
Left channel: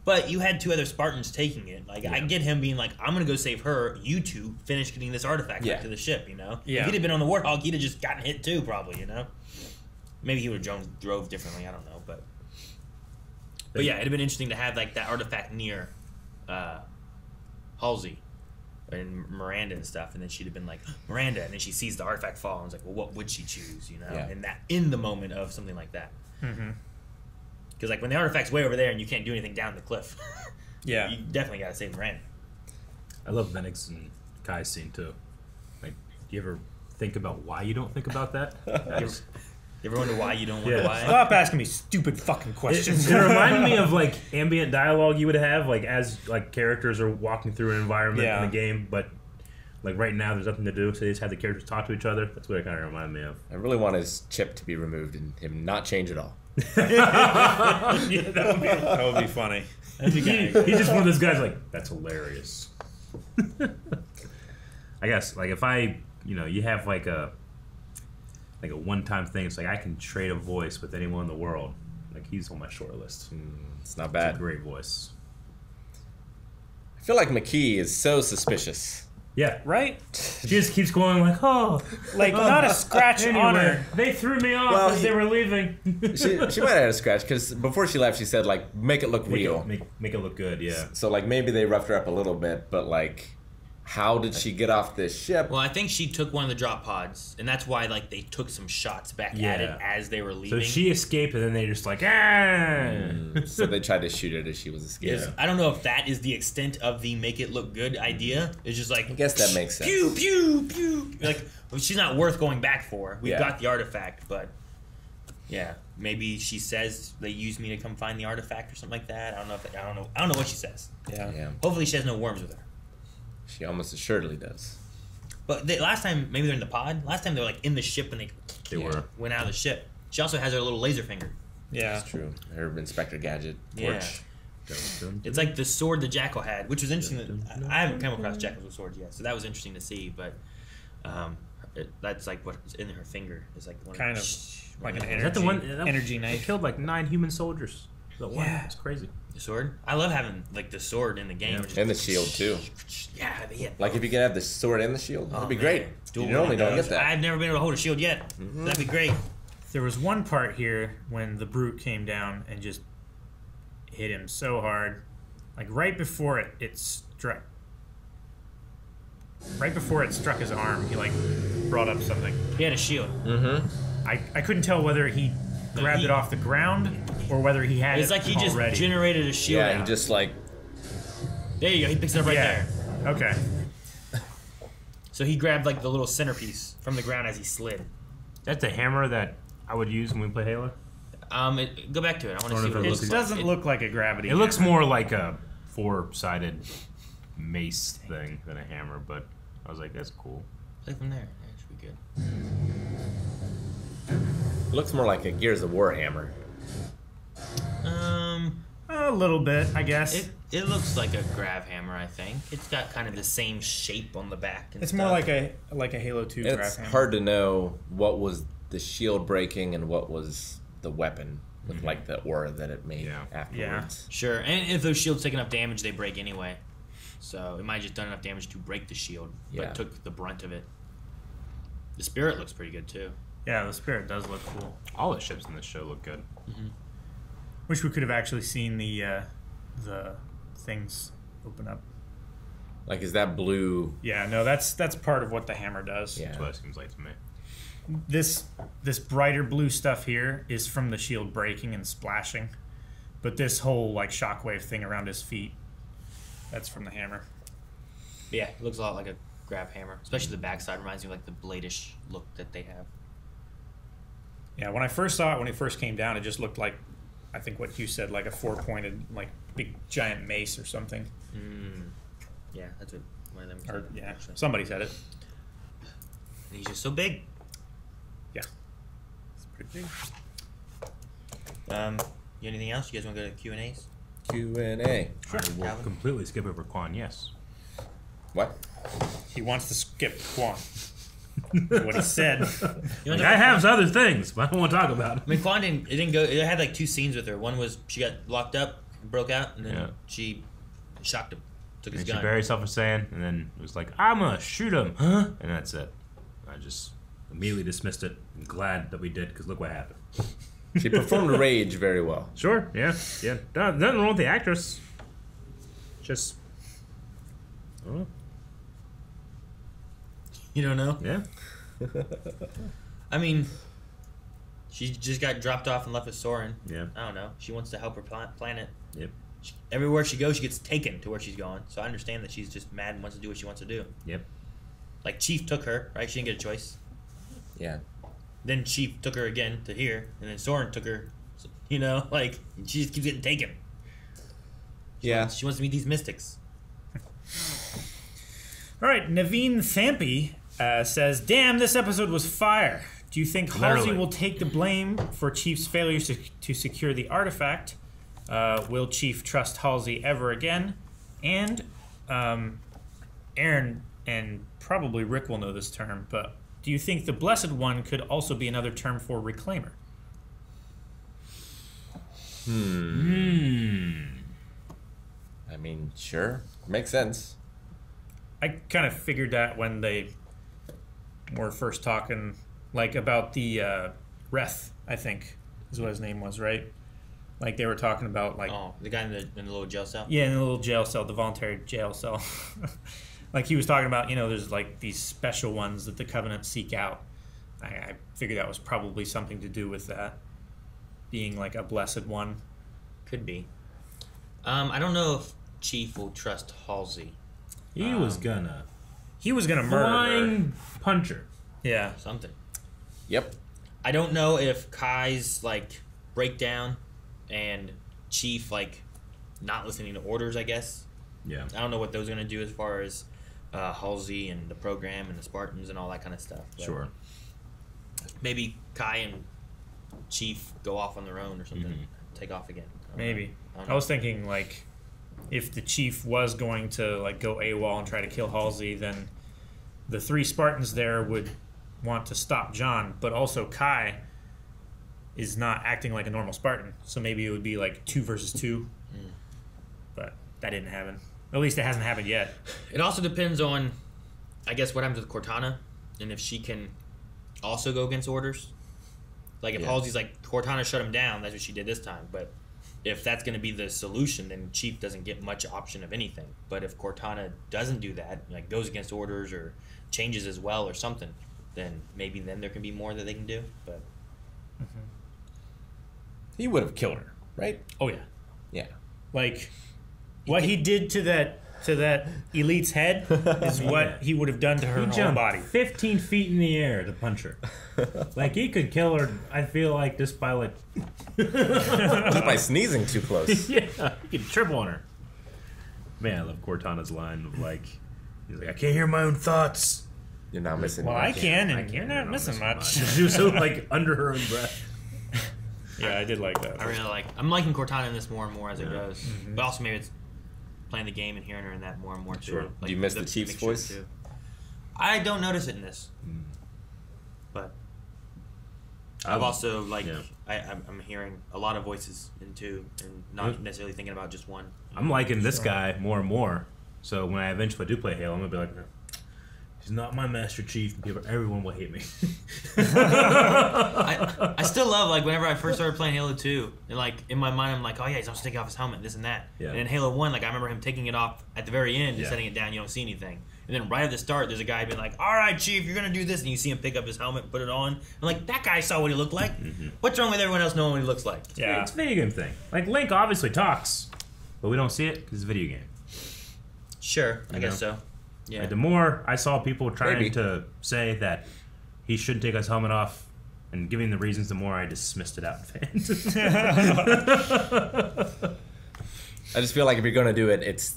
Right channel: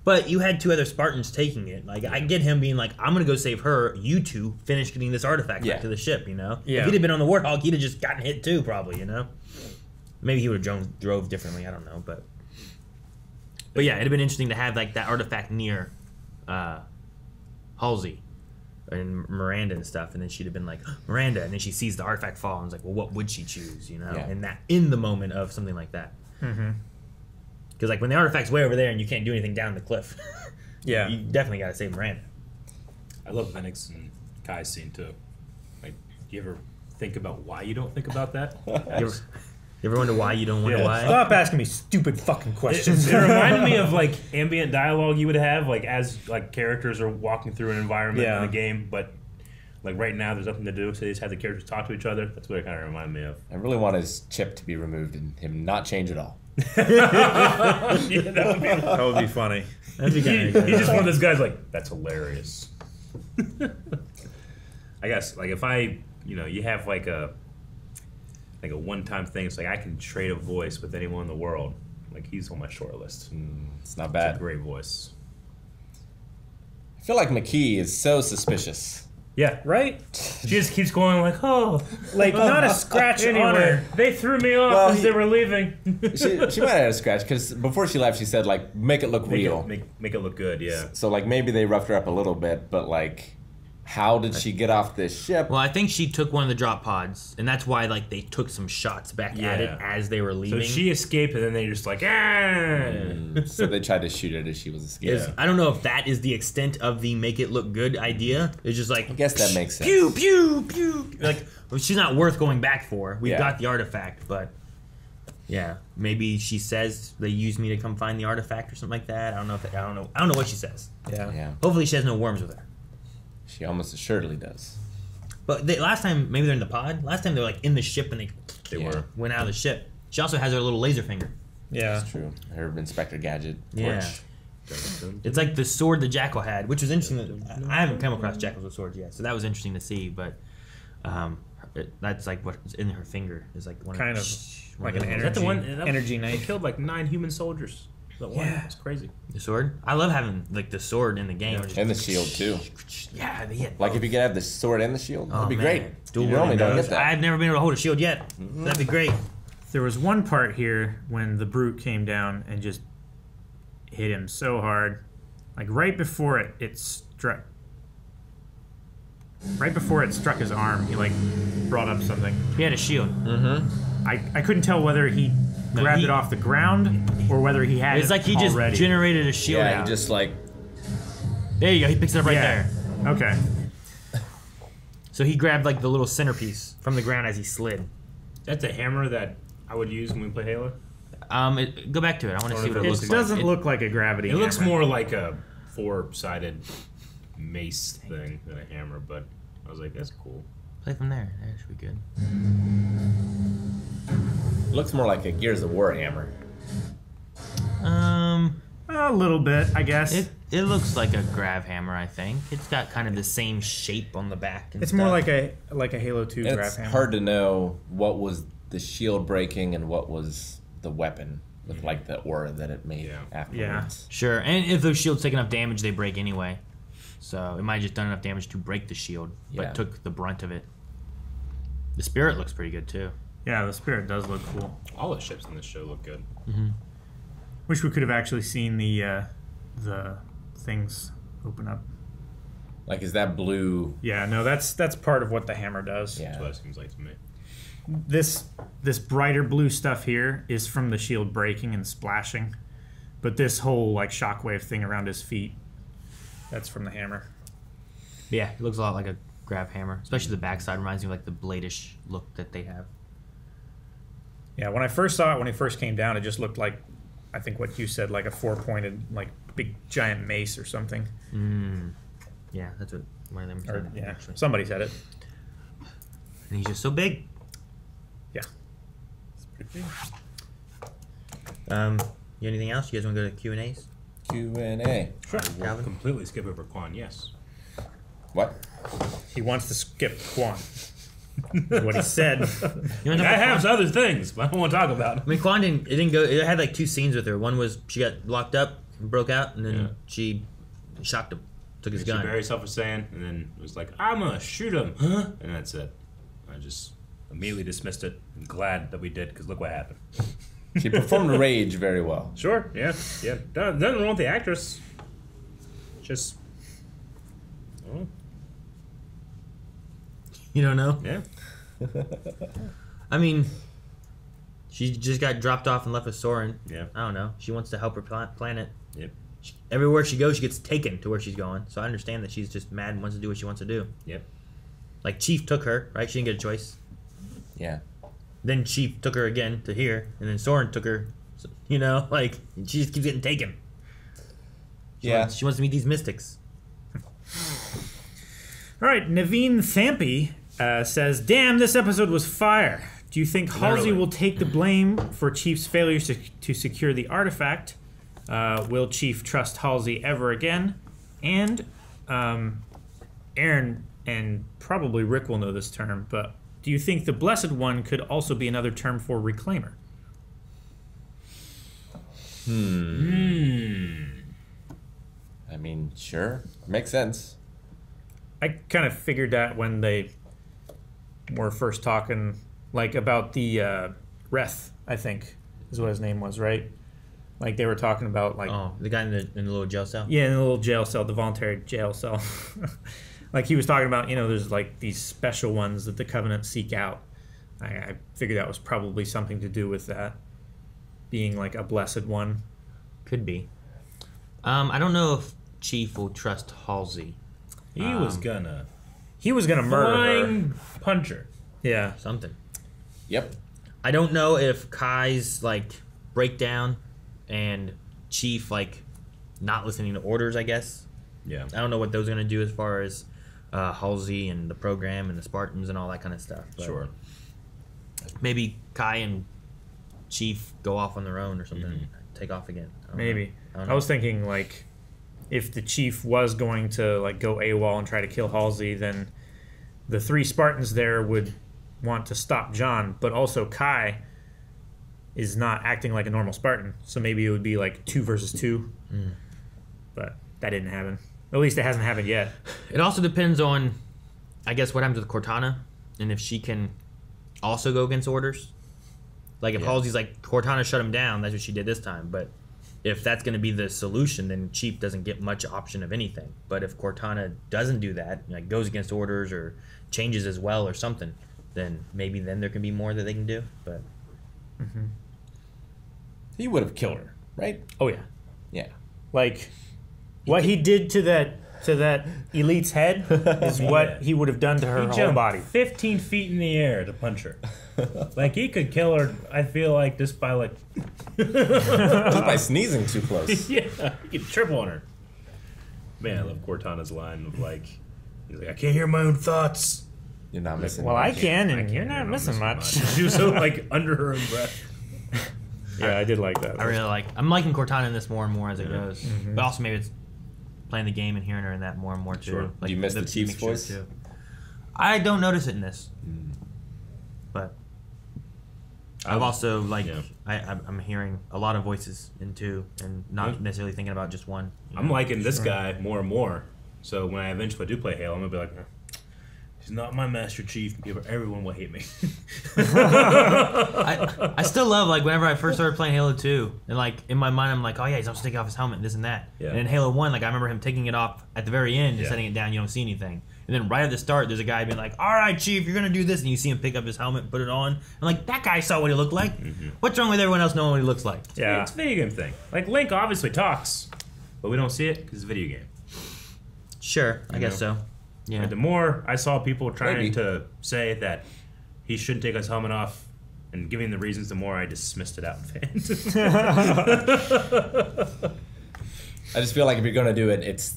But you had 2 other Spartans taking it. Like I get him being like, I'm gonna go save her. You 2 finish getting this artifact Yeah. back to the ship. You know. Yeah. If he'd have been on the Warthog, he'd have just gotten hit too, probably. You know. Maybe he would have drove differently. I don't know, but yeah, it'd have been interesting to have like that artifact near Halsey and Miranda and stuff, and then she'd have been like Miranda, and then she sees the artifact fall, and was like, well, what would she choose? You know, Yeah. and that in the moment of something like that. Because like when the artifact's way over there and you can't do anything down the cliff, Yeah. you definitely got to save Miranda. I love Venix and Kai's scene too. Like, do you ever think about why you don't think about that? You ever wonder why you don't wonder Yeah. why? Stop asking me stupid fucking questions. It reminded me of like ambient dialogue you would have, like as like characters are walking through an environment Yeah. in the game, but like right now there's nothing to do, so they just have the characters talk to each other. That's what it kind of reminded me of. I really want his chip to be removed and him not change at all. Yeah, that would be funny. That'd be He's kinda just one of those guys like, that's hilarious. I guess, like, if I, you have like a one-time thing, it's like I can trade a voice with anyone in the world. Like, he's on my short list. It's not bad. It's a great voice. I feel like McKee is so suspicious. Yeah. Right? She just keeps going like, oh. Like, not a scratch on her. They threw me off as they were leaving. She might have had a scratch, because before she left, she said, like, make it look real. Make it look good, yeah. So, like, maybe they roughed her up a little bit, but, like, how did she get off this ship? Well, I think she took one of the drop pods, and that's why like they took some shots back at it as they were leaving. So she escaped, and then they just like, So they tried to shoot her as she was escaping. Yeah. I don't know if that is the extent of the make it look good idea. It's just like, I guess that makes sense. Pew pew pew. Like, she's not worth going back for. We've got the artifact, but yeah, maybe she says they used me to come find the artifact or something like that. I don't know. I don't know what she says. Yeah. Hopefully she has no worms with her. She almost assuredly does. But last time, maybe they're in the pod. Last time they were like in the ship and they went out of the ship. She also has her little laser finger. Yeah, that's true. Her Inspector Gadget torch. It's like the sword the Jackal had, which was interesting. I haven't come across Jackals with swords yet, so that was interesting to see. But that's like what's in her finger is like one kind of like an energy. Is that the one? Energy knife. Killed like 9 human soldiers. Yeah, it's crazy. The sword. I love having like the sword in the game, and the shield too. Yeah, like if you could have the sword and the shield, that'd be great. You normally don't get that. I've never been able to hold a shield yet. That'd be great. There was one part here when the brute came down and just hit him so hard, like right before it struck. Right before it struck his arm, he like brought up something. He had a shield. Mm-hmm. I couldn't tell whether he grabbed it off the ground or whether he had it's like he just generated a shield. Yeah, he just like. There you go. He picks it up right there. Okay. So he grabbed like the little centerpiece from the ground as he slid. That's a hammer that I would use when we play Halo. Go back to it. I want to see what it looks like. It doesn't look like a gravity. It looks more like a 4-sided mace thing than a hammer, but I was like, that's cool. Play from there. That should be good. It looks more like a Gears of War hammer. A little bit, I guess. It looks like a grav hammer. I think it's got kind of the same shape on the back. It's more like a Halo 2 grav hammer. It's hard to know what was the shield breaking and what was the weapon with like the aura that it made afterwards. Yeah. Sure, and if those shields take enough damage, they break anyway. So it might have just done enough damage to break the shield, but took the brunt of it. The spirit looks pretty good too. Yeah, the spirit does look cool. All the ships in this show look good. Wish we could have actually seen the things open up. Like, is that blue? Yeah, no, that's part of what the hammer does. Yeah. That's what it seems like to me. This brighter blue stuff here is from the shield breaking and splashing, but this whole like shockwave thing around his feet, that's from the hammer. Yeah, it looks a lot like a grav hammer, especially the backside reminds me of like the bladish look that they have. Yeah, when I first saw it, when it first came down, it just looked like, I think what you said, like a 4-pointed, like big giant mace or something. Yeah, that's what one of them Or, said. yeah, Actually. somebody said it. And he's just so big. Yeah. It's pretty You anything else? You guys want to go to Q&As? Q&A. Sure. I will completely skip over Quan, yes. What? He wants to skip Quan. What he said. I have other things, but I don't want to talk about it. I mean, Quan didn't go. It had like 2 scenes with her. One was she got locked up, and broke out, and then she shocked him, took his gun. She very self-saying, and then it was like, I'm gonna shoot him, and that's it. I just immediately dismissed it. I'm glad that we did, because look what happened. She performed Rage very well. Sure, yeah. Nothing wrong with the actress. Just, I don't know. You don't know? Yeah. I mean, she just got dropped off and left with Soren. Yeah. I don't know. She wants to help her planet. Yep. Everywhere she goes, she gets taken to where she's going. So I understand that she's just mad and wants to do what she wants to do. Yep. Like Chief took her, right? She didn't get a choice. Yeah. Then Chief took her again to here, and then Soren took her. So, you know, like she just keeps getting taken. She wants to meet these mystics. All right, Naveen Thampi says, "Damn, this episode was fire. Do you think Halsey will take the blame for Chief's failures to secure the artifact? Will Chief trust Halsey ever again? And Aaron and probably Rick will know this term, but do you think the Blessed One could also be another term for Reclaimer? I mean, sure. Makes sense. I kind of figured that when they were first talking, like, about the Reth, I think, is what his name was, right? Like, they were talking about, like... Oh, the guy in the little jail cell? Yeah, in the little jail cell, the voluntary jail cell. Like, he was talking about, there's, like, these special ones that the Covenant seek out. I figured that was probably something to do with that. Being, like, a blessed one. Could be. I don't know if Chief will trust Halsey. He was gonna murder flying puncher. Yeah. Something. Yep. I don't know if Kai's, like, breakdown and Chief, like, not listening to orders, I guess. Yeah. I don't know what those are going to do as far as Halsey and the program and the Spartans and all that kind of stuff. But Sure. Maybe Kai and Chief go off on their own or something. Take off again. Maybe. I was thinking, like, if the Chief was going to, like, go AWOL and try to kill Halsey, then the 3 Spartans there would want to stop John, but also Kai is not acting like a normal Spartan, so maybe it would be like 2 versus 2. But that didn't happen. At least it hasn't happened yet. It also depends on, I guess, what happens with Cortana, and if she can also go against orders. Like, if Halsey's like, Cortana shut him down, that's what she did this time, but if that's going to be the solution, then Chief doesn't get much option of anything. But if Cortana doesn't do that, like goes against orders or changes as well or something, then maybe then there can be more that they can do. But he would have killed her, right? Oh yeah, yeah. Like what he did to that elite's head is what he would have done to her whole body. 15 feet in the air to punch her. Like, he could kill her, I feel like, just by, like... just by sneezing too close. Yeah, he could trip on her. Man, I love Cortana's line of, like, he's like, I can't hear my own thoughts. You're not missing much. Well, I can, and you're not missing much. She was so, like, under her own breath. Yeah, I did like that. I'm liking Cortana in this more and more as it goes. But also maybe it's playing the game and hearing her in that more and more, too. Sure. Like, do you miss the Chief's voice? Too. I don't notice it in this. But... I've also, like, I'm hearing a lot of voices in 2 and not necessarily thinking about just one. I'm liking this guy more and more. So when I eventually do play Halo, I'm going to be like, no, he's not my Master Chief. Everyone will hate me. I still love, like, whenever I first started playing Halo 2, and, like, in my mind, I'm like, oh, yeah, he's taking off his helmet, this and that. Yeah. And in Halo 1, like, I remember him taking it off at the very end and setting it down, you don't see anything. And then right at the start, there's a guy being like, all right, Chief, you're going to do this. And you see him pick up his helmet and put it on. And like, that guy saw what he looked like. What's wrong with everyone else knowing what he looks like? Yeah. It's a video game thing. Like, Link obviously talks, but we don't see it because it's a video game. Sure, I guess so. Yeah. And the more I saw people trying to say that he shouldn't take his helmet off and giving the reasons, the more I dismissed it out in fans. I just feel like if you're going to do it, it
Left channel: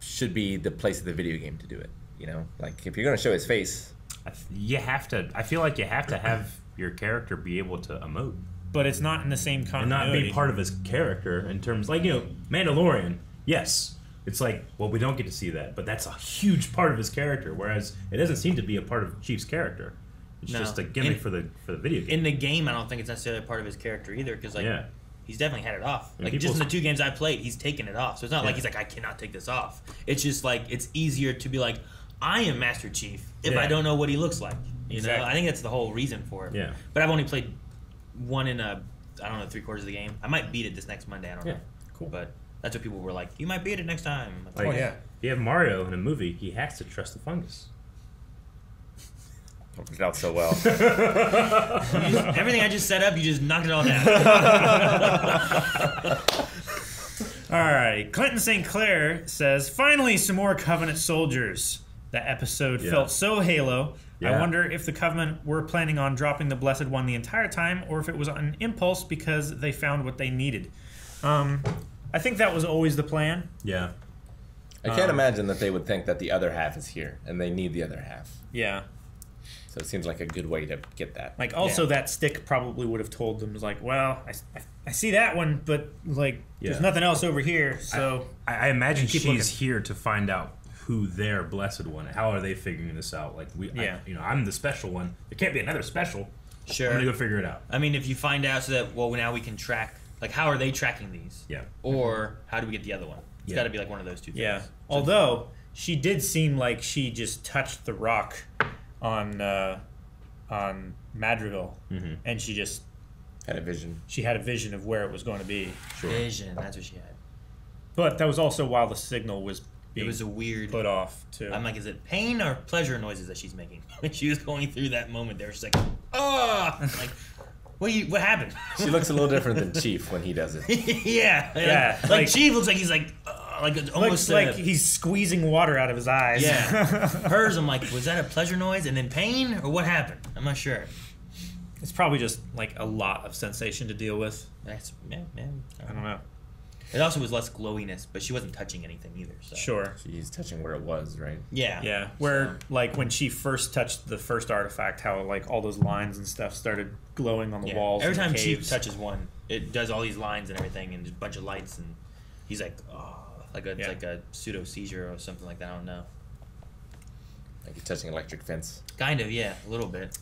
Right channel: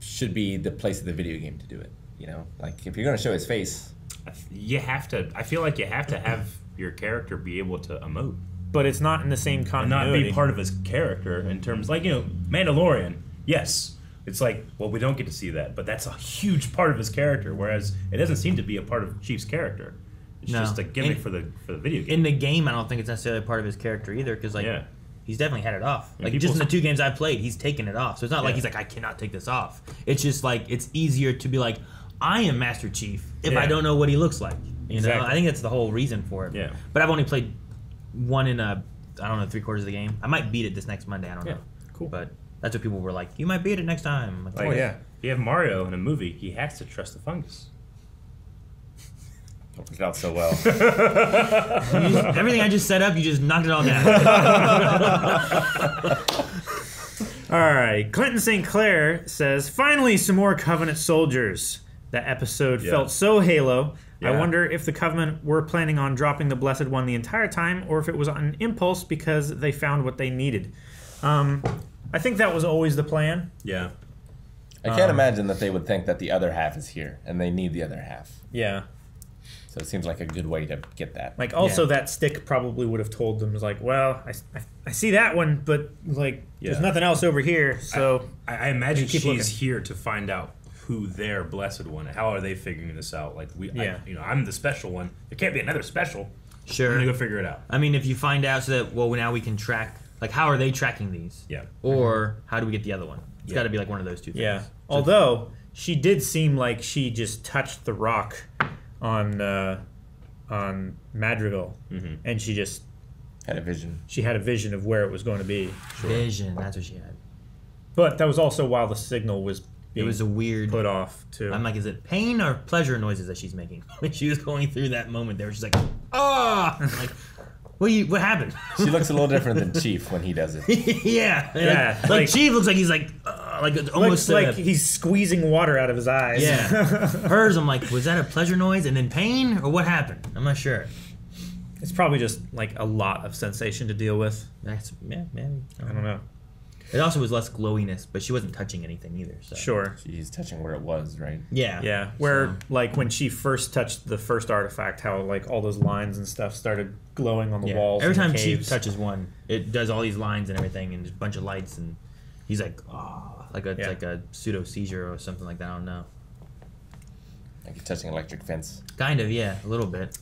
should be the place of the video game to do it. You know, like if you're going to show his face, you have to. I feel like you have to have your character be able to emote, but it's not in the same continuity. And not be part of his character in terms, like, Mandalorian. Yes, it's like, well, we don't get to see that, but that's a huge part of his character. Whereas it doesn't seem to be a part of Chief's character. It's just a gimmick for the video game. In the game, I don't think it's necessarily part of his character either, because he's definitely had it off. Like, just in the 2 games I've played, he's taken it off. So it's not like he's like, I cannot take this off. It's just like, it's easier to be like, I am Master Chief if I don't know what he looks like. You know, I think that's the whole reason for it. Yeah. But I've only played 1 in I don't know, 3/4 of the game. I might beat it this next Monday. I don't know. Cool. But that's what people were like. You might beat it next time. Like, if you have Mario in a movie, he has to trust the fungus. Not so well. Everything I just set up, you just knocked it all down. All right. Clinton St. Clair says, finally some more Covenant soldiers. That episode felt so Halo. I wonder if the Covenant were planning on dropping the Blessed One the entire time, or if it was on an impulse because they found what they needed. I think that was always the plan. Yeah. I can't imagine that they would think that the other half is here, and they need the other half. Yeah. So it seems like a good way to get that. Like, also that stick probably would have told them, like, well, I see that one, but, like, there's nothing else over here, so... I imagine she's here to find out who their blessed one. How are they figuring this out? Like, I'm the special one. There can't be another special. Sure. I'm gonna go figure it out. I mean, if you find out so that, well, now we can track, like, how are they tracking these? Yeah. Or how do we get the other one? It's got to be, like, one of those two things. Yeah. Although, she did seem like she just touched the rock on Madrigal, and she just... Had a vision. She had a vision of where it was going to be. Sure. Vision, that's what she had. But that was also while the signal was being it was a weird put off, too. I'm like, is it pain or pleasure noises that she's making? When she was going through that moment there, she's like, ah! Like, what happened? She looks a little different than Chief when he does it. Yeah. Like Chief looks like he's like almost like he's squeezing water out of his eyes. Yeah. Hers, I'm like, was that a pleasure noise and then pain, or what happened? I'm not sure. It's probably just like a lot of sensation to deal with. That's maybe. I don't know. It also was less glowiness, but she wasn't touching anything either. So. Sure. She's touching where it was, right? Yeah. Yeah. Where, like, when she first touched the first artifact, how, like, all those lines and stuff started glowing on the walls. Every and time the Chief caves. touches one, it does all these lines and everything, and there's a bunch of lights, and he's like, like a pseudo seizure or something like that. I don't know. Like he's touching an electric fence. Kind of, yeah, a little bit.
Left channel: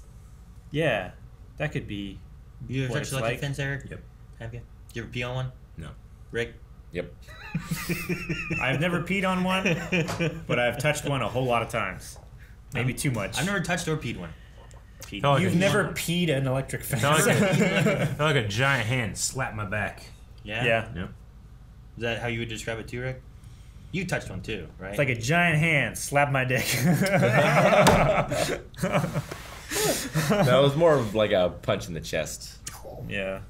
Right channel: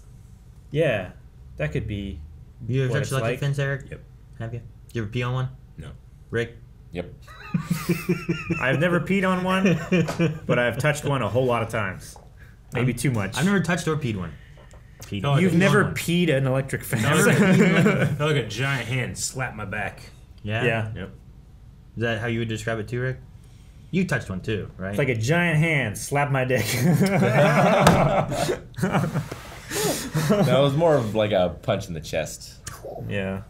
Yeah, that could be. You ever touched an electric fence, Eric? Yep. Have you? Did you ever pee on one? No. Rick? Yep. I've never peed on one, but I've touched one a whole lot of times. Maybe too much. I've never touched or peed one. You've never peed an electric fence? I like a giant hand slap my back. Yeah? Yeah. Yep. Is that how you would describe it too, Rick? You touched one too, right? It's like a giant hand slap my dick. No, it was more of like a punch in the chest. Yeah.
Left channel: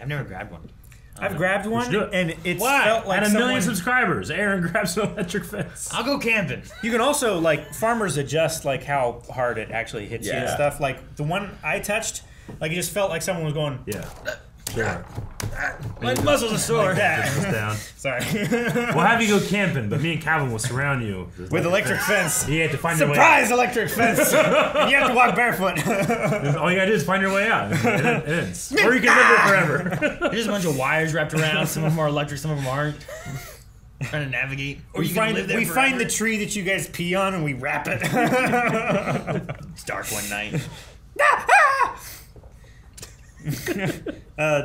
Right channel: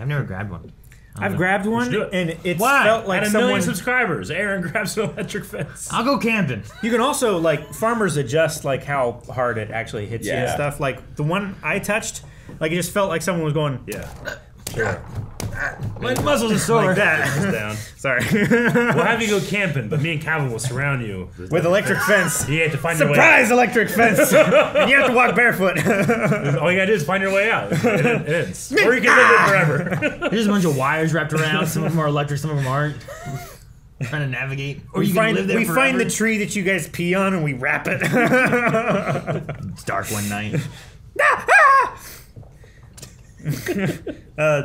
I've never grabbed one. I've grabbed one, and it's Why? felt like At 1 million someone... subscribers, Aaron grabs an electric fence. I'll go camping. You can also, like, farmers adjust, like, how hard it actually hits you and stuff. Like, the one I touched, like, it just felt like someone was going... Yeah. Sure. My muscles are sore. Like that. Down. Sorry. We'll have you go camping, but me and Calvin will surround you. With electric fence. You have to find your way out. Surprise electric fence! And you have to walk barefoot. All you gotta do is find your way out. It is. Or you can live there forever. There's a bunch of wires wrapped around. Some of them are electric, some of them aren't. Trying to navigate. Or you can live there forever. find the tree that you guys pee on and we wrap it. It's dark one night.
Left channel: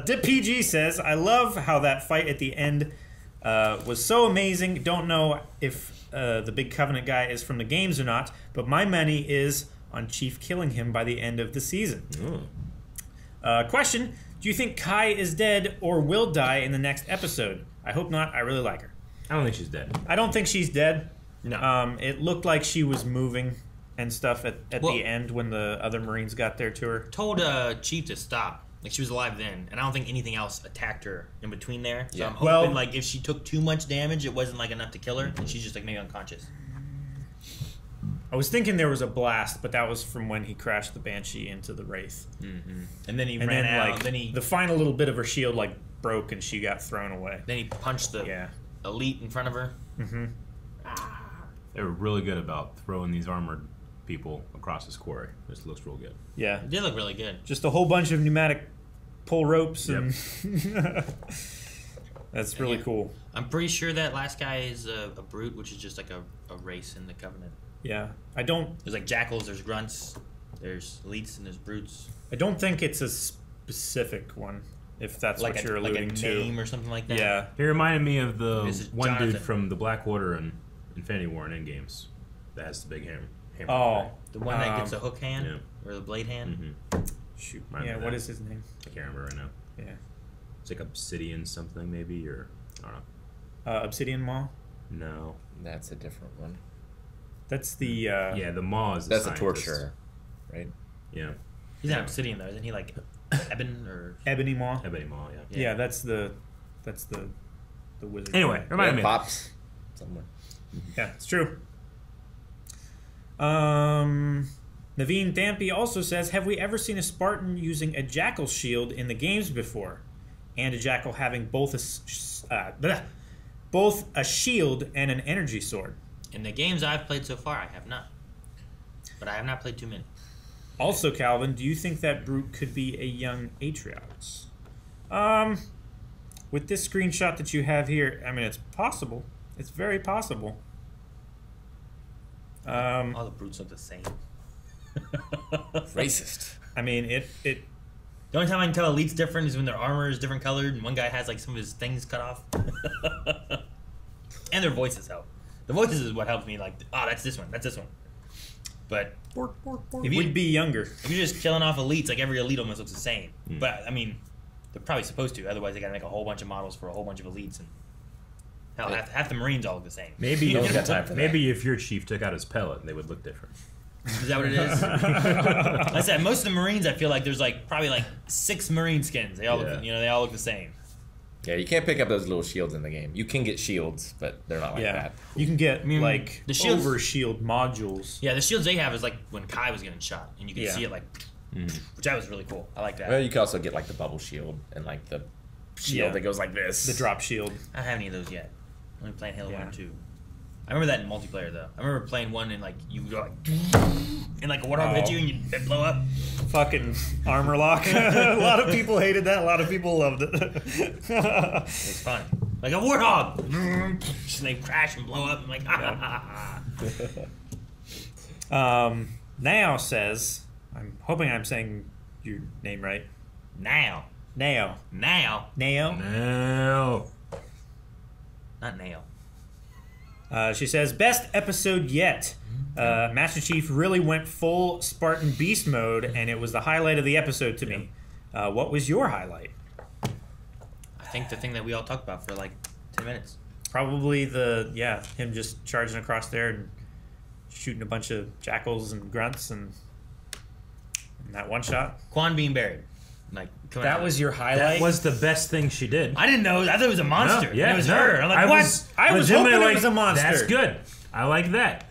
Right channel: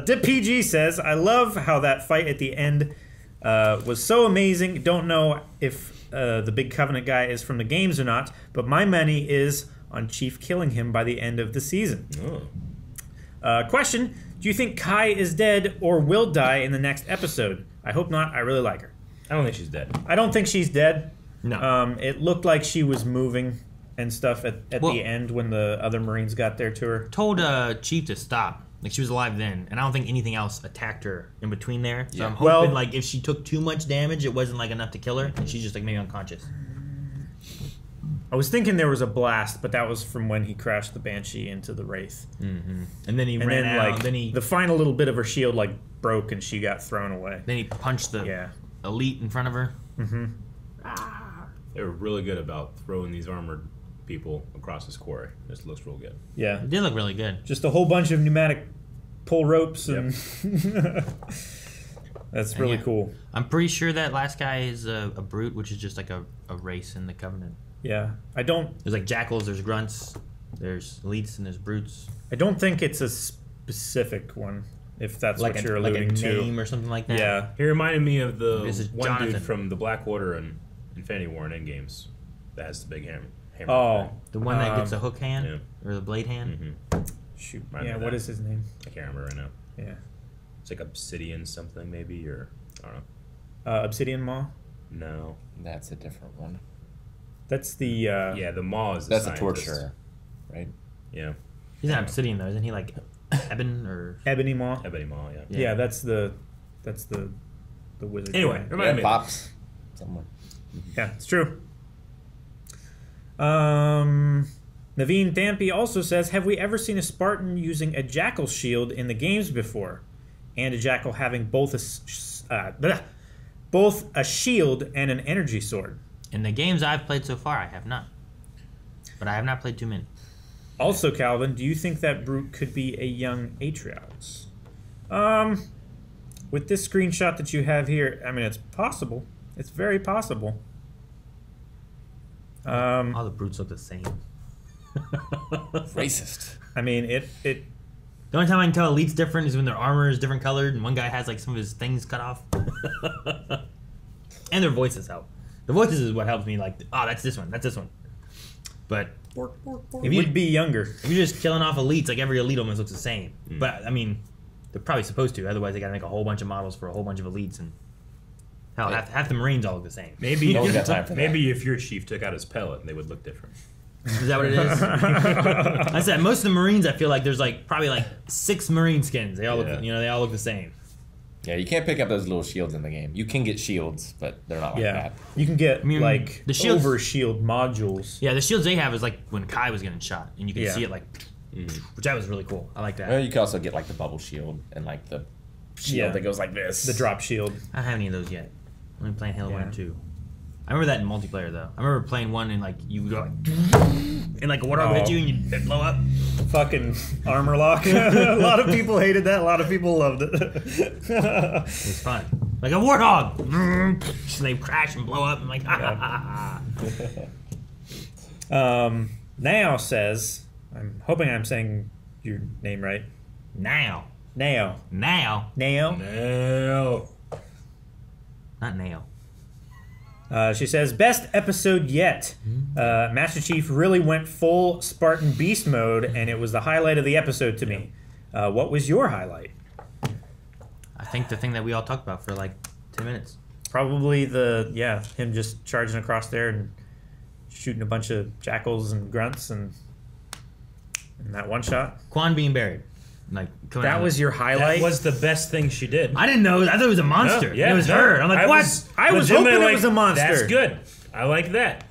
Dip PG says, I love how that fight at the end was so amazing. Don't know if the Big Covenant guy is from the games or not, but my money is on Chief killing him by the end of the season. Question, do you think Kai is dead or will die in the next episode? I hope not. I really like her. I don't think she's dead. I don't think she's dead. No. It looked like she was moving and stuff at the end when the other Marines got there to her. Told Chief to stop. Like, she was alive then, and I don't think anything else attacked her in between there. So I'm hoping, like, if she took too much damage, it wasn't, like, enough to kill her, and she's just, like, maybe unconscious. I was thinking there was a blast, but that was from when he crashed the Banshee into the Wraith. Mm-hmm. And then he ran out, like, and then he... the final little bit of her shield, like, broke, and she got thrown away. Then he punched the elite in front of her. Mm-hmm. They were really good about throwing these armored people across this quarry. This looks real good. Yeah. It did look really good. Just a whole bunch of pneumatic pull ropes and that's really cool. I'm pretty sure that last guy is a brute, which is just like a race in the Covenant. Yeah. I don't... There's like jackals, there's grunts, there's elites, and there's brutes. I don't think it's a specific one, if that's like what you're alluding to. Like a name or something like that? Yeah. He reminded me of the one Jonathan. dude from the Black Order and Infinity War and Endgames that has the big hammer. Oh. The one that gets a hook hand? Or the blade hand? Mm-hmm. Shoot. Yeah, what is his name? I can't remember right now. Yeah. It's like Obsidian something, maybe, or I don't know. Obsidian Maw? No. That's a different one. That's the... yeah, the Maw is the That's scientist. a torturer, right? Yeah. He's not Obsidian, though. Isn't he like Ebon or... Ebony Maw? Ebony Maw, yeah. Yeah, that's the wizard. Anyway, remind me. Pops. Somewhere. Yeah, it's true. Naveen Thampi also says, have we ever seen a Spartan using a jackal shield in the games before? And a jackal having both a shield and an energy sword? In the games I've played so far, I have not. but I have not played too many. Also, Calvin, do you think that Brute could be a young Atriox? With this screenshot that you have here, I mean, it's possible. It's very possible. All the Brutes look the same. Racist. I mean, it. The only time I can tell Elite's different is when their armor is different colored and one guy has like some of his things cut off. And their voices help. The voices is what helps me. Like, oh, that's this one. That's this one. But It would be younger. If you're just killing off Elites, like every Elite almost looks the same. But I mean, they're probably supposed to. Otherwise, they got to make a whole bunch of models for a whole bunch of Elites, and hell, half the Marines all look the same. Maybe maybe if your chief took out his pellet, they would look different. Is that what it is? I said most of the Marines. I feel like there's like probably like 6 Marine skins. They all look, they all look the same. Yeah, you can't pick up those little shields in the game. You can get shields, but they're not like that. You can get like the shields, over shield modules. Yeah, the shields they have is like when Kai was getting shot, and you can see it like, which that was really cool. I like that. Well, you can also get like the bubble shield and like the shield that goes like this. The drop shield. I don't have any of those yet. I'm only playing Halo 1 and 2. I remember that in multiplayer though. I remember playing one and like you go like, and like a warthog hit you and you blow up. Fucking armor lock. A lot of people hated that. A lot of people loved it. It's fun. Like a warthog. And they crash and blow up. I'm like, Nao says, I'm hoping I'm saying your name right. Nao. Not Nao. She says, best episode yet. Master Chief really went full Spartan Beast mode, and it was the highlight of the episode to me. What was your highlight? I think the thing that we all talked about for like 10 minutes. Probably him just charging across there and shooting a bunch of jackals and grunts and that one shot. Quan being buried. Like that was your highlight? That was the best thing she did. I didn't know. I thought it was a monster. No, it was her. I'm like, what? I was hoping it was a monster. That's good. I like that.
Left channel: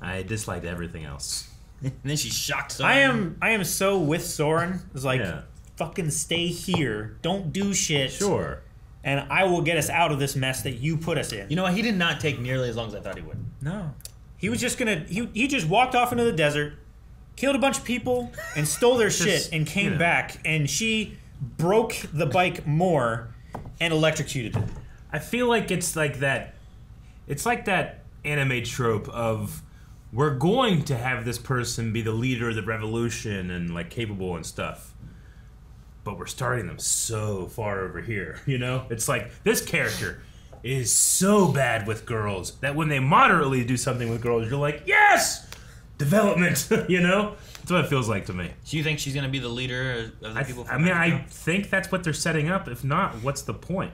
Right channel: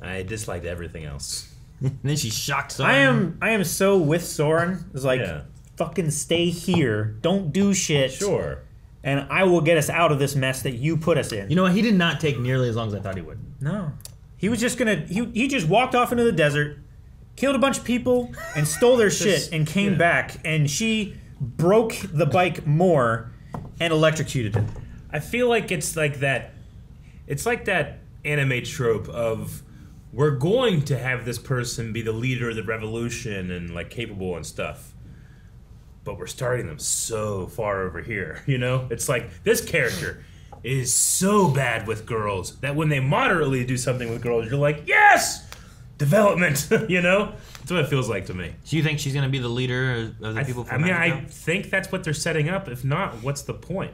I disliked everything else. And then she shocked Soren. I am so with Soren. It's like, fucking stay here. Don't do shit. Sure. And I will get us out of this mess that you put us in. You know what? He did not take nearly as long as I thought he would. No. He was just gonna... He just walked off into the desert, killed a bunch of people, and stole their shit, and came back, and she broke the bike more and electrocuted it. I feel like it's like that... It's like that anime trope of we're going to have this person be the leader of the revolution and like capable and stuff, but we're starting them so far over here, you know? It's like this character is so bad with girls that when they moderately do something with girls, you're like, yes! Development, you know? That's what it feels like to me. Do you think she's going to be the leader of the people from I think that's what they're setting up. If not, what's the point?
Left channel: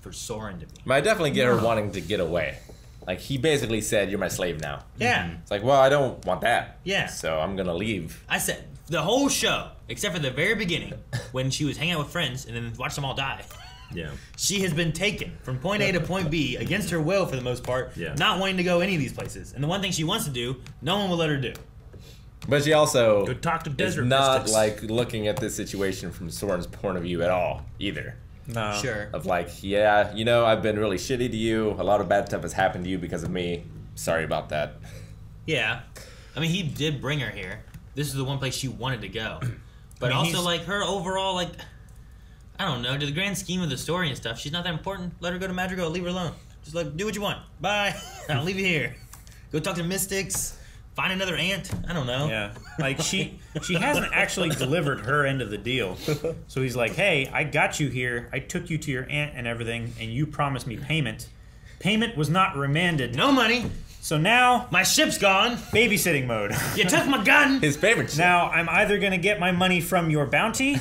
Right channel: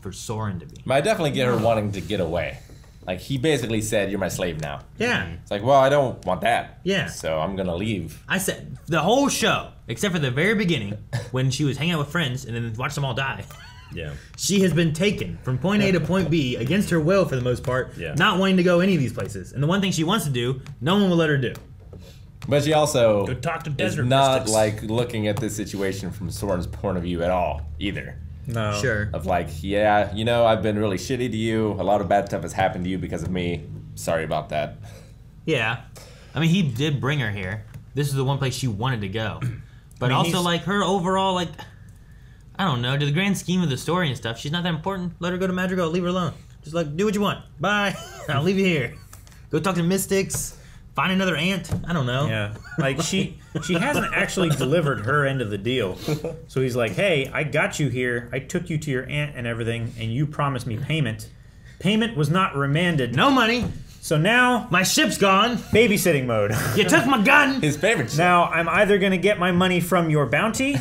For Soren to be. I definitely get her wanting to get away. Like, he basically said, you're my slave now. Yeah. It's like, well, I don't want that. Yeah. So I'm going to leave. I said, the whole show, except for the very beginning, when she was hanging out with friends and then watched them all die. Yeah. She has been taken from point A to point B against her will for the most part, not wanting to go any of these places. And the one thing she wants to do, no one will let her do. But she also go talk to desert is not mystics. like looking at this situation from Soren's point of view at all either. No. Sure. Of like, yeah, you know, I've been really shitty to you. A lot of bad stuff has happened to you because of me. Sorry about that. Yeah. I mean, he did bring her here. This is the one place she wanted to go. But also, like, her overall, like, I don't know, to the grand scheme of the story and stuff, she's not that important. Let her go to Madrigal. Leave her alone. Just, like, do what you want. Bye. I'll leave you here. Go talk to mystics. Find another aunt. I don't know. Yeah. Like, she hasn't actually delivered her end of the deal. So he's like, hey, I got you here. I took you to your aunt and everything, and you promised me payment. Payment was not remanded. No money. So now... my ship's gone. Babysitting mode. You took my gun. His favorite ship. Now, I'm either going to get my money from your bounty,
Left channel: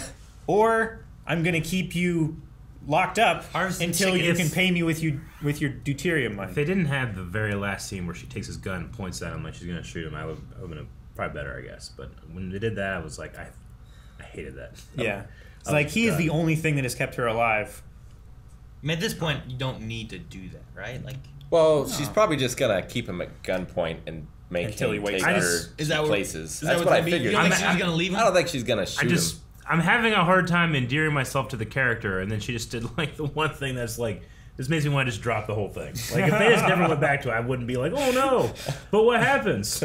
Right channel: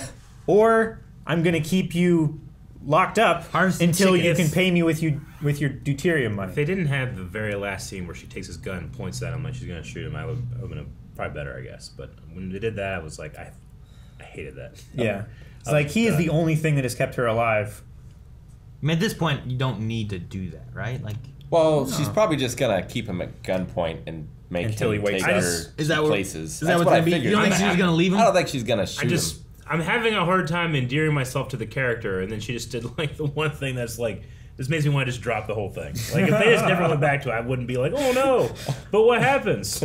or I'm going to keep you locked up until you can pay me with your deuterium money. If they didn't have the very last scene where she takes his gun and points at him like she's going to shoot him, I would have been probably better, I guess. But when they did that, I was like, I hated that. Yeah. It's like, he is the only thing that has kept her alive. I mean, at this point, you don't need to do that, right? Like, well, she's probably just going to keep him at gunpoint and make until him he wakes take up. her to places. Is that what I figured? You don't think she was going to leave him? I don't think she's going to shoot him. I'm having a hard time endearing myself to the character, and then she just did like the one thing that's like This makes me want to just drop the whole thing. Like, if they just never went back to it, I wouldn't be like, oh no, but what happens?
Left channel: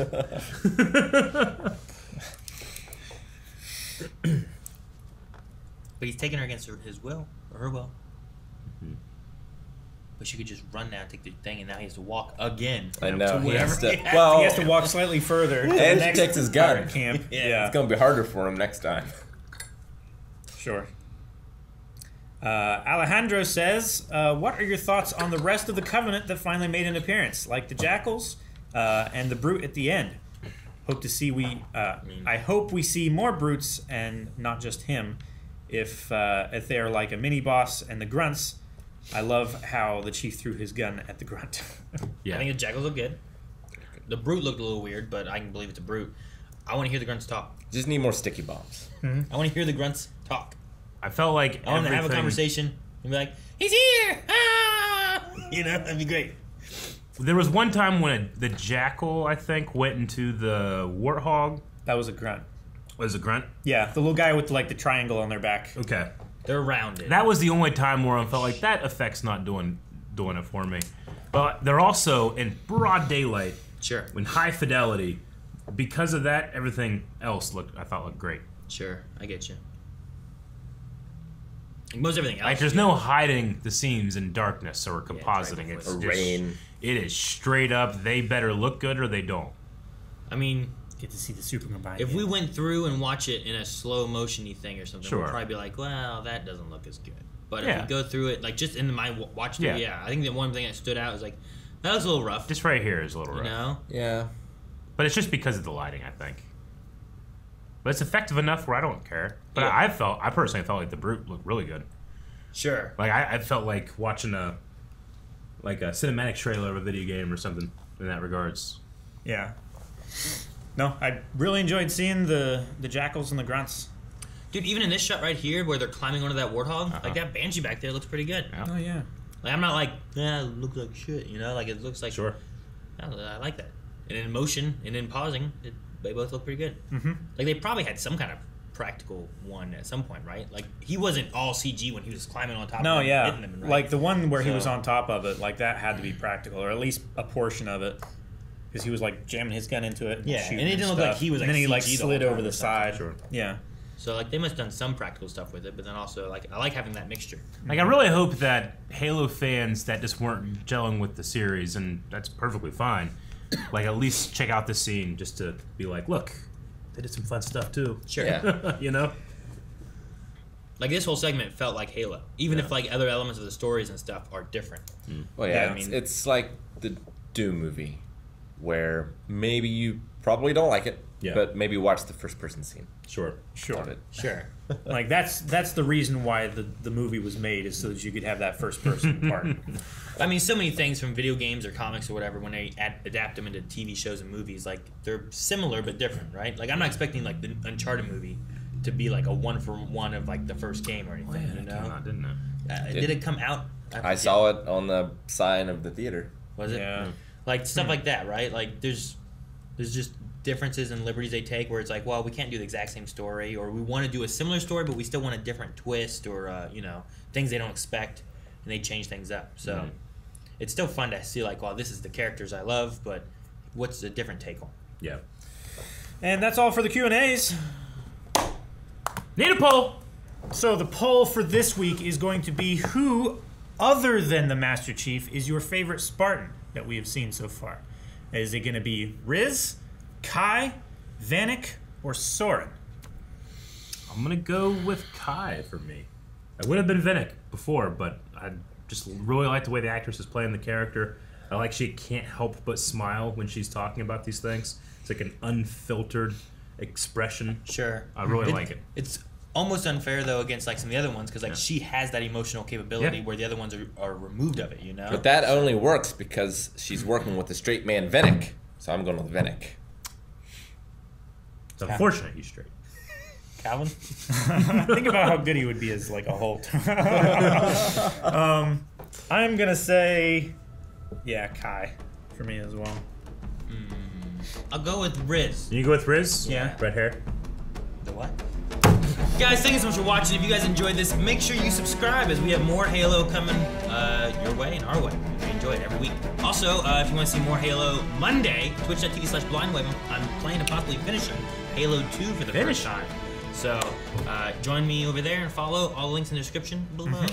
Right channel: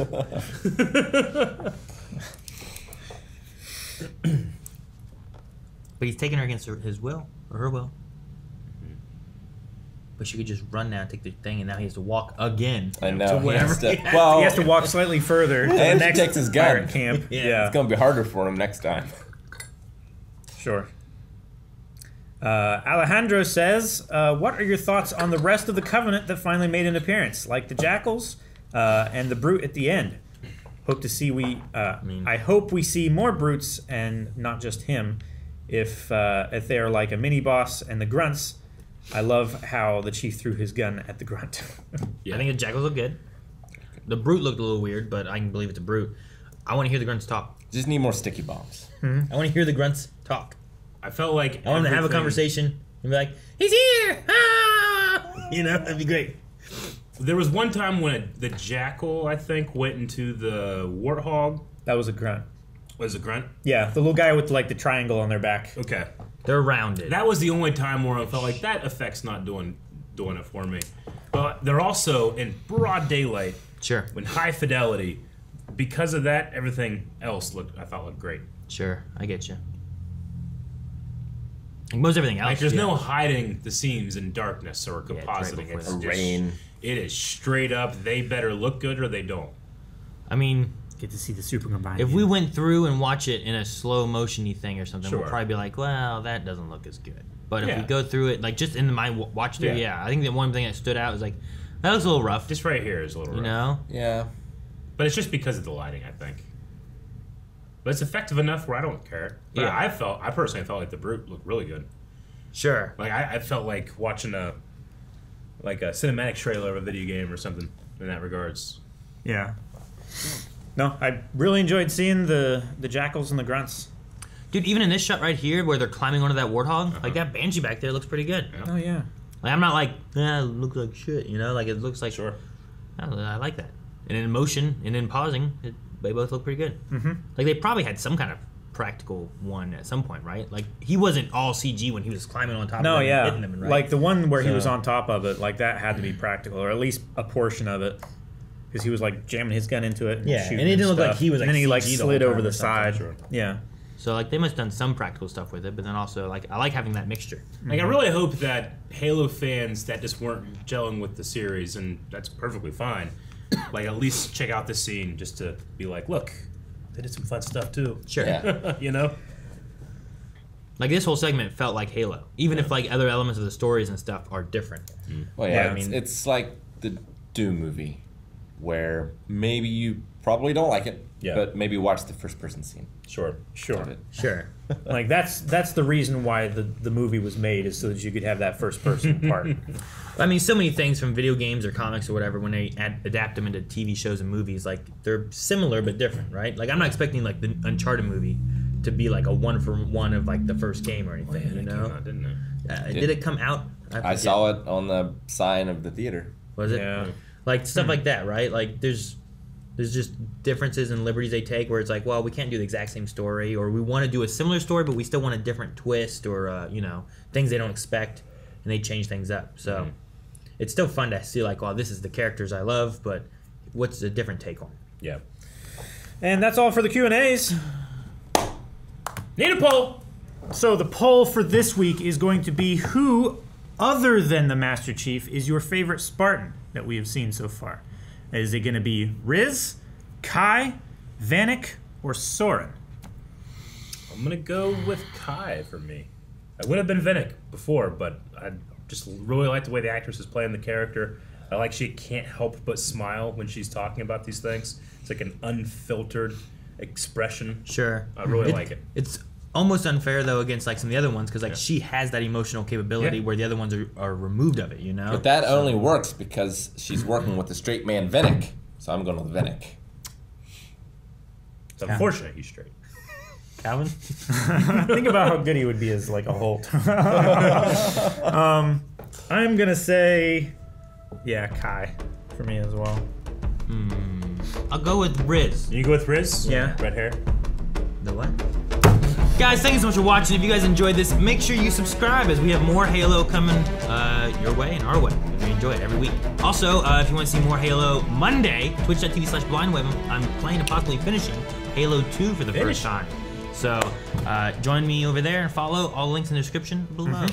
But he's taking her against his will, or her will. But she could just run now, take the thing, and now he has to walk again. I know. To He whatever has to, he has well, He has to walk slightly further to the and next he takes his gun. pirate camp. Yeah. It's going to be harder for him next time. Sure. Alejandro says, what are your thoughts on the rest of the Covenant that finally made an appearance? Like the Jackals and the Brute at the end. Hope to see I hope we see more Brutes and not just him. If they are like a mini boss and the Grunts, I love how the Chief threw his gun at the Grunt. Yeah, I think the Jackals look good. The Brute looked a little weird, but I can believe it's a Brute. I want to hear the Grunts talk. Just need more sticky bombs. I want to hear the Grunts talk. I felt like I want them to have a conversation and be like, "He's here!" Ah! You know, that'd be great. There was one time when the Jackal, I think, went into the Warthog. That was a Grunt. Was it a Grunt? Yeah, the little guy with like the triangle on their back. Okay. They're rounded. That was the only time where I felt like that effect's not doing it for me. But they're also in broad daylight. Sure. In high fidelity. Because of that, everything else I thought looked great. Sure, I get you. Like most everything else. Like there's no hiding the seams in darkness or compositing. Yeah, it's just, rain. It is straight up. They better look good or they don't. I mean, get to see the super combined. If we went through and watch it in a slow motiony thing or something, Sure. we'll probably be like, well, that doesn't look as good. But Yeah. if we go through it, like just in my watch through, I think the one thing that stood out was like, that looks a little rough. Just right here is a little rough. You know? Yeah. But it's just because of the lighting, I think. But it's effective enough where I don't care. But Yeah. I personally felt like the Brute looked really good. Sure. Like I felt like watching a cinematic trailer of a video game or something in that regards. Yeah. No, I really enjoyed seeing the Jackals and the Grunts. Dude, even in this shot right here where they're climbing onto that Warthog, like that Banshee back there looks pretty good. Oh, yeah. Like I'm not like, it looks like shit, you know? Like it looks like... Sure. I like that. And in motion and in pausing, they both look pretty good. Mm-hmm. Like they probably had some kind of practical one at some point, right? Like he wasn't all CG when he was climbing on top of them and hitting them, right? Like the one where he was on top of it, like that had to be practical, or at least a portion of it. Because he was like jamming his gun into it. And Yeah, shooting and it didn't look like stuff. he was And then he like CG'd the slid whole over time the or something. side. Sure. Yeah. So like they must have done some practical stuff with it, but then also like I like having that mixture. Like I really hope that Halo fans that just weren't gelling with the series, and that's perfectly fine, like at least check out this scene just to be like, look, they did some fun stuff too. Sure. Yeah. You know? Like this whole segment felt like Halo, even if like other elements of the stories and stuff are different. Well, yeah, it's like the Doom movie, where maybe you probably don't like it, but maybe watch the first person scene. Sure. Sure. Sure. Like that's the reason why the movie was made, is so that you could have that first person part. I mean, so many things from video games or comics or whatever, when they adapt them into TV shows and movies, like they're similar but different, right? Like I'm not expecting like the Uncharted movie to be like a 1-for-1 of like the first game or anything, you know? Came out, didn't it? Did it come out? I saw it on the sign of the theater. Was it? Yeah. Like stuff like that, right? Like there's just differences and liberties they take where it's like, well, we can't do the exact same story, or we want to do a similar story, but we still want a different twist, or you know, things they don't expect, and they change things up. So it's still fun to see like, well, this is the characters I love, but what's a different take on? Yeah. And that's all for the Q&As. Need a poll. So the poll for this week is going to be, who other than the Master Chief is your favorite Spartan that we have seen so far? Is it going to be Riz, Kai, Vanek, or Soren? I'm going to go with Kai for me. I would have been Vanek before, but I just really like the way the actress is playing the character. I like she can't help but smile when she's talking about these things. It's like an unfiltered expression. Sure. I really like it. It's almost unfair though against like some of the other ones, because like she has that emotional capability where the other ones are removed of it, you know. But that only works because she's working with the straight man Vanek. So I'm going with Vanek. It's unfortunate he's straight. Calvin? Think about how good he would be as like a Holt. I'm gonna say, Kai for me as well. I'll go with Riz. You go with Riz? Yeah. Red hair. The what? Guys, thank you so much for watching. If you guys enjoyed this, make sure you subscribe, as we have more Halo coming your their way and our way. We enjoy it every week. Also, if you want to see more Halo Monday, twitch.tv/blindwave, I'm planning to possibly finishing Halo 2 for the first time. So join me over there and follow. All links in the description below.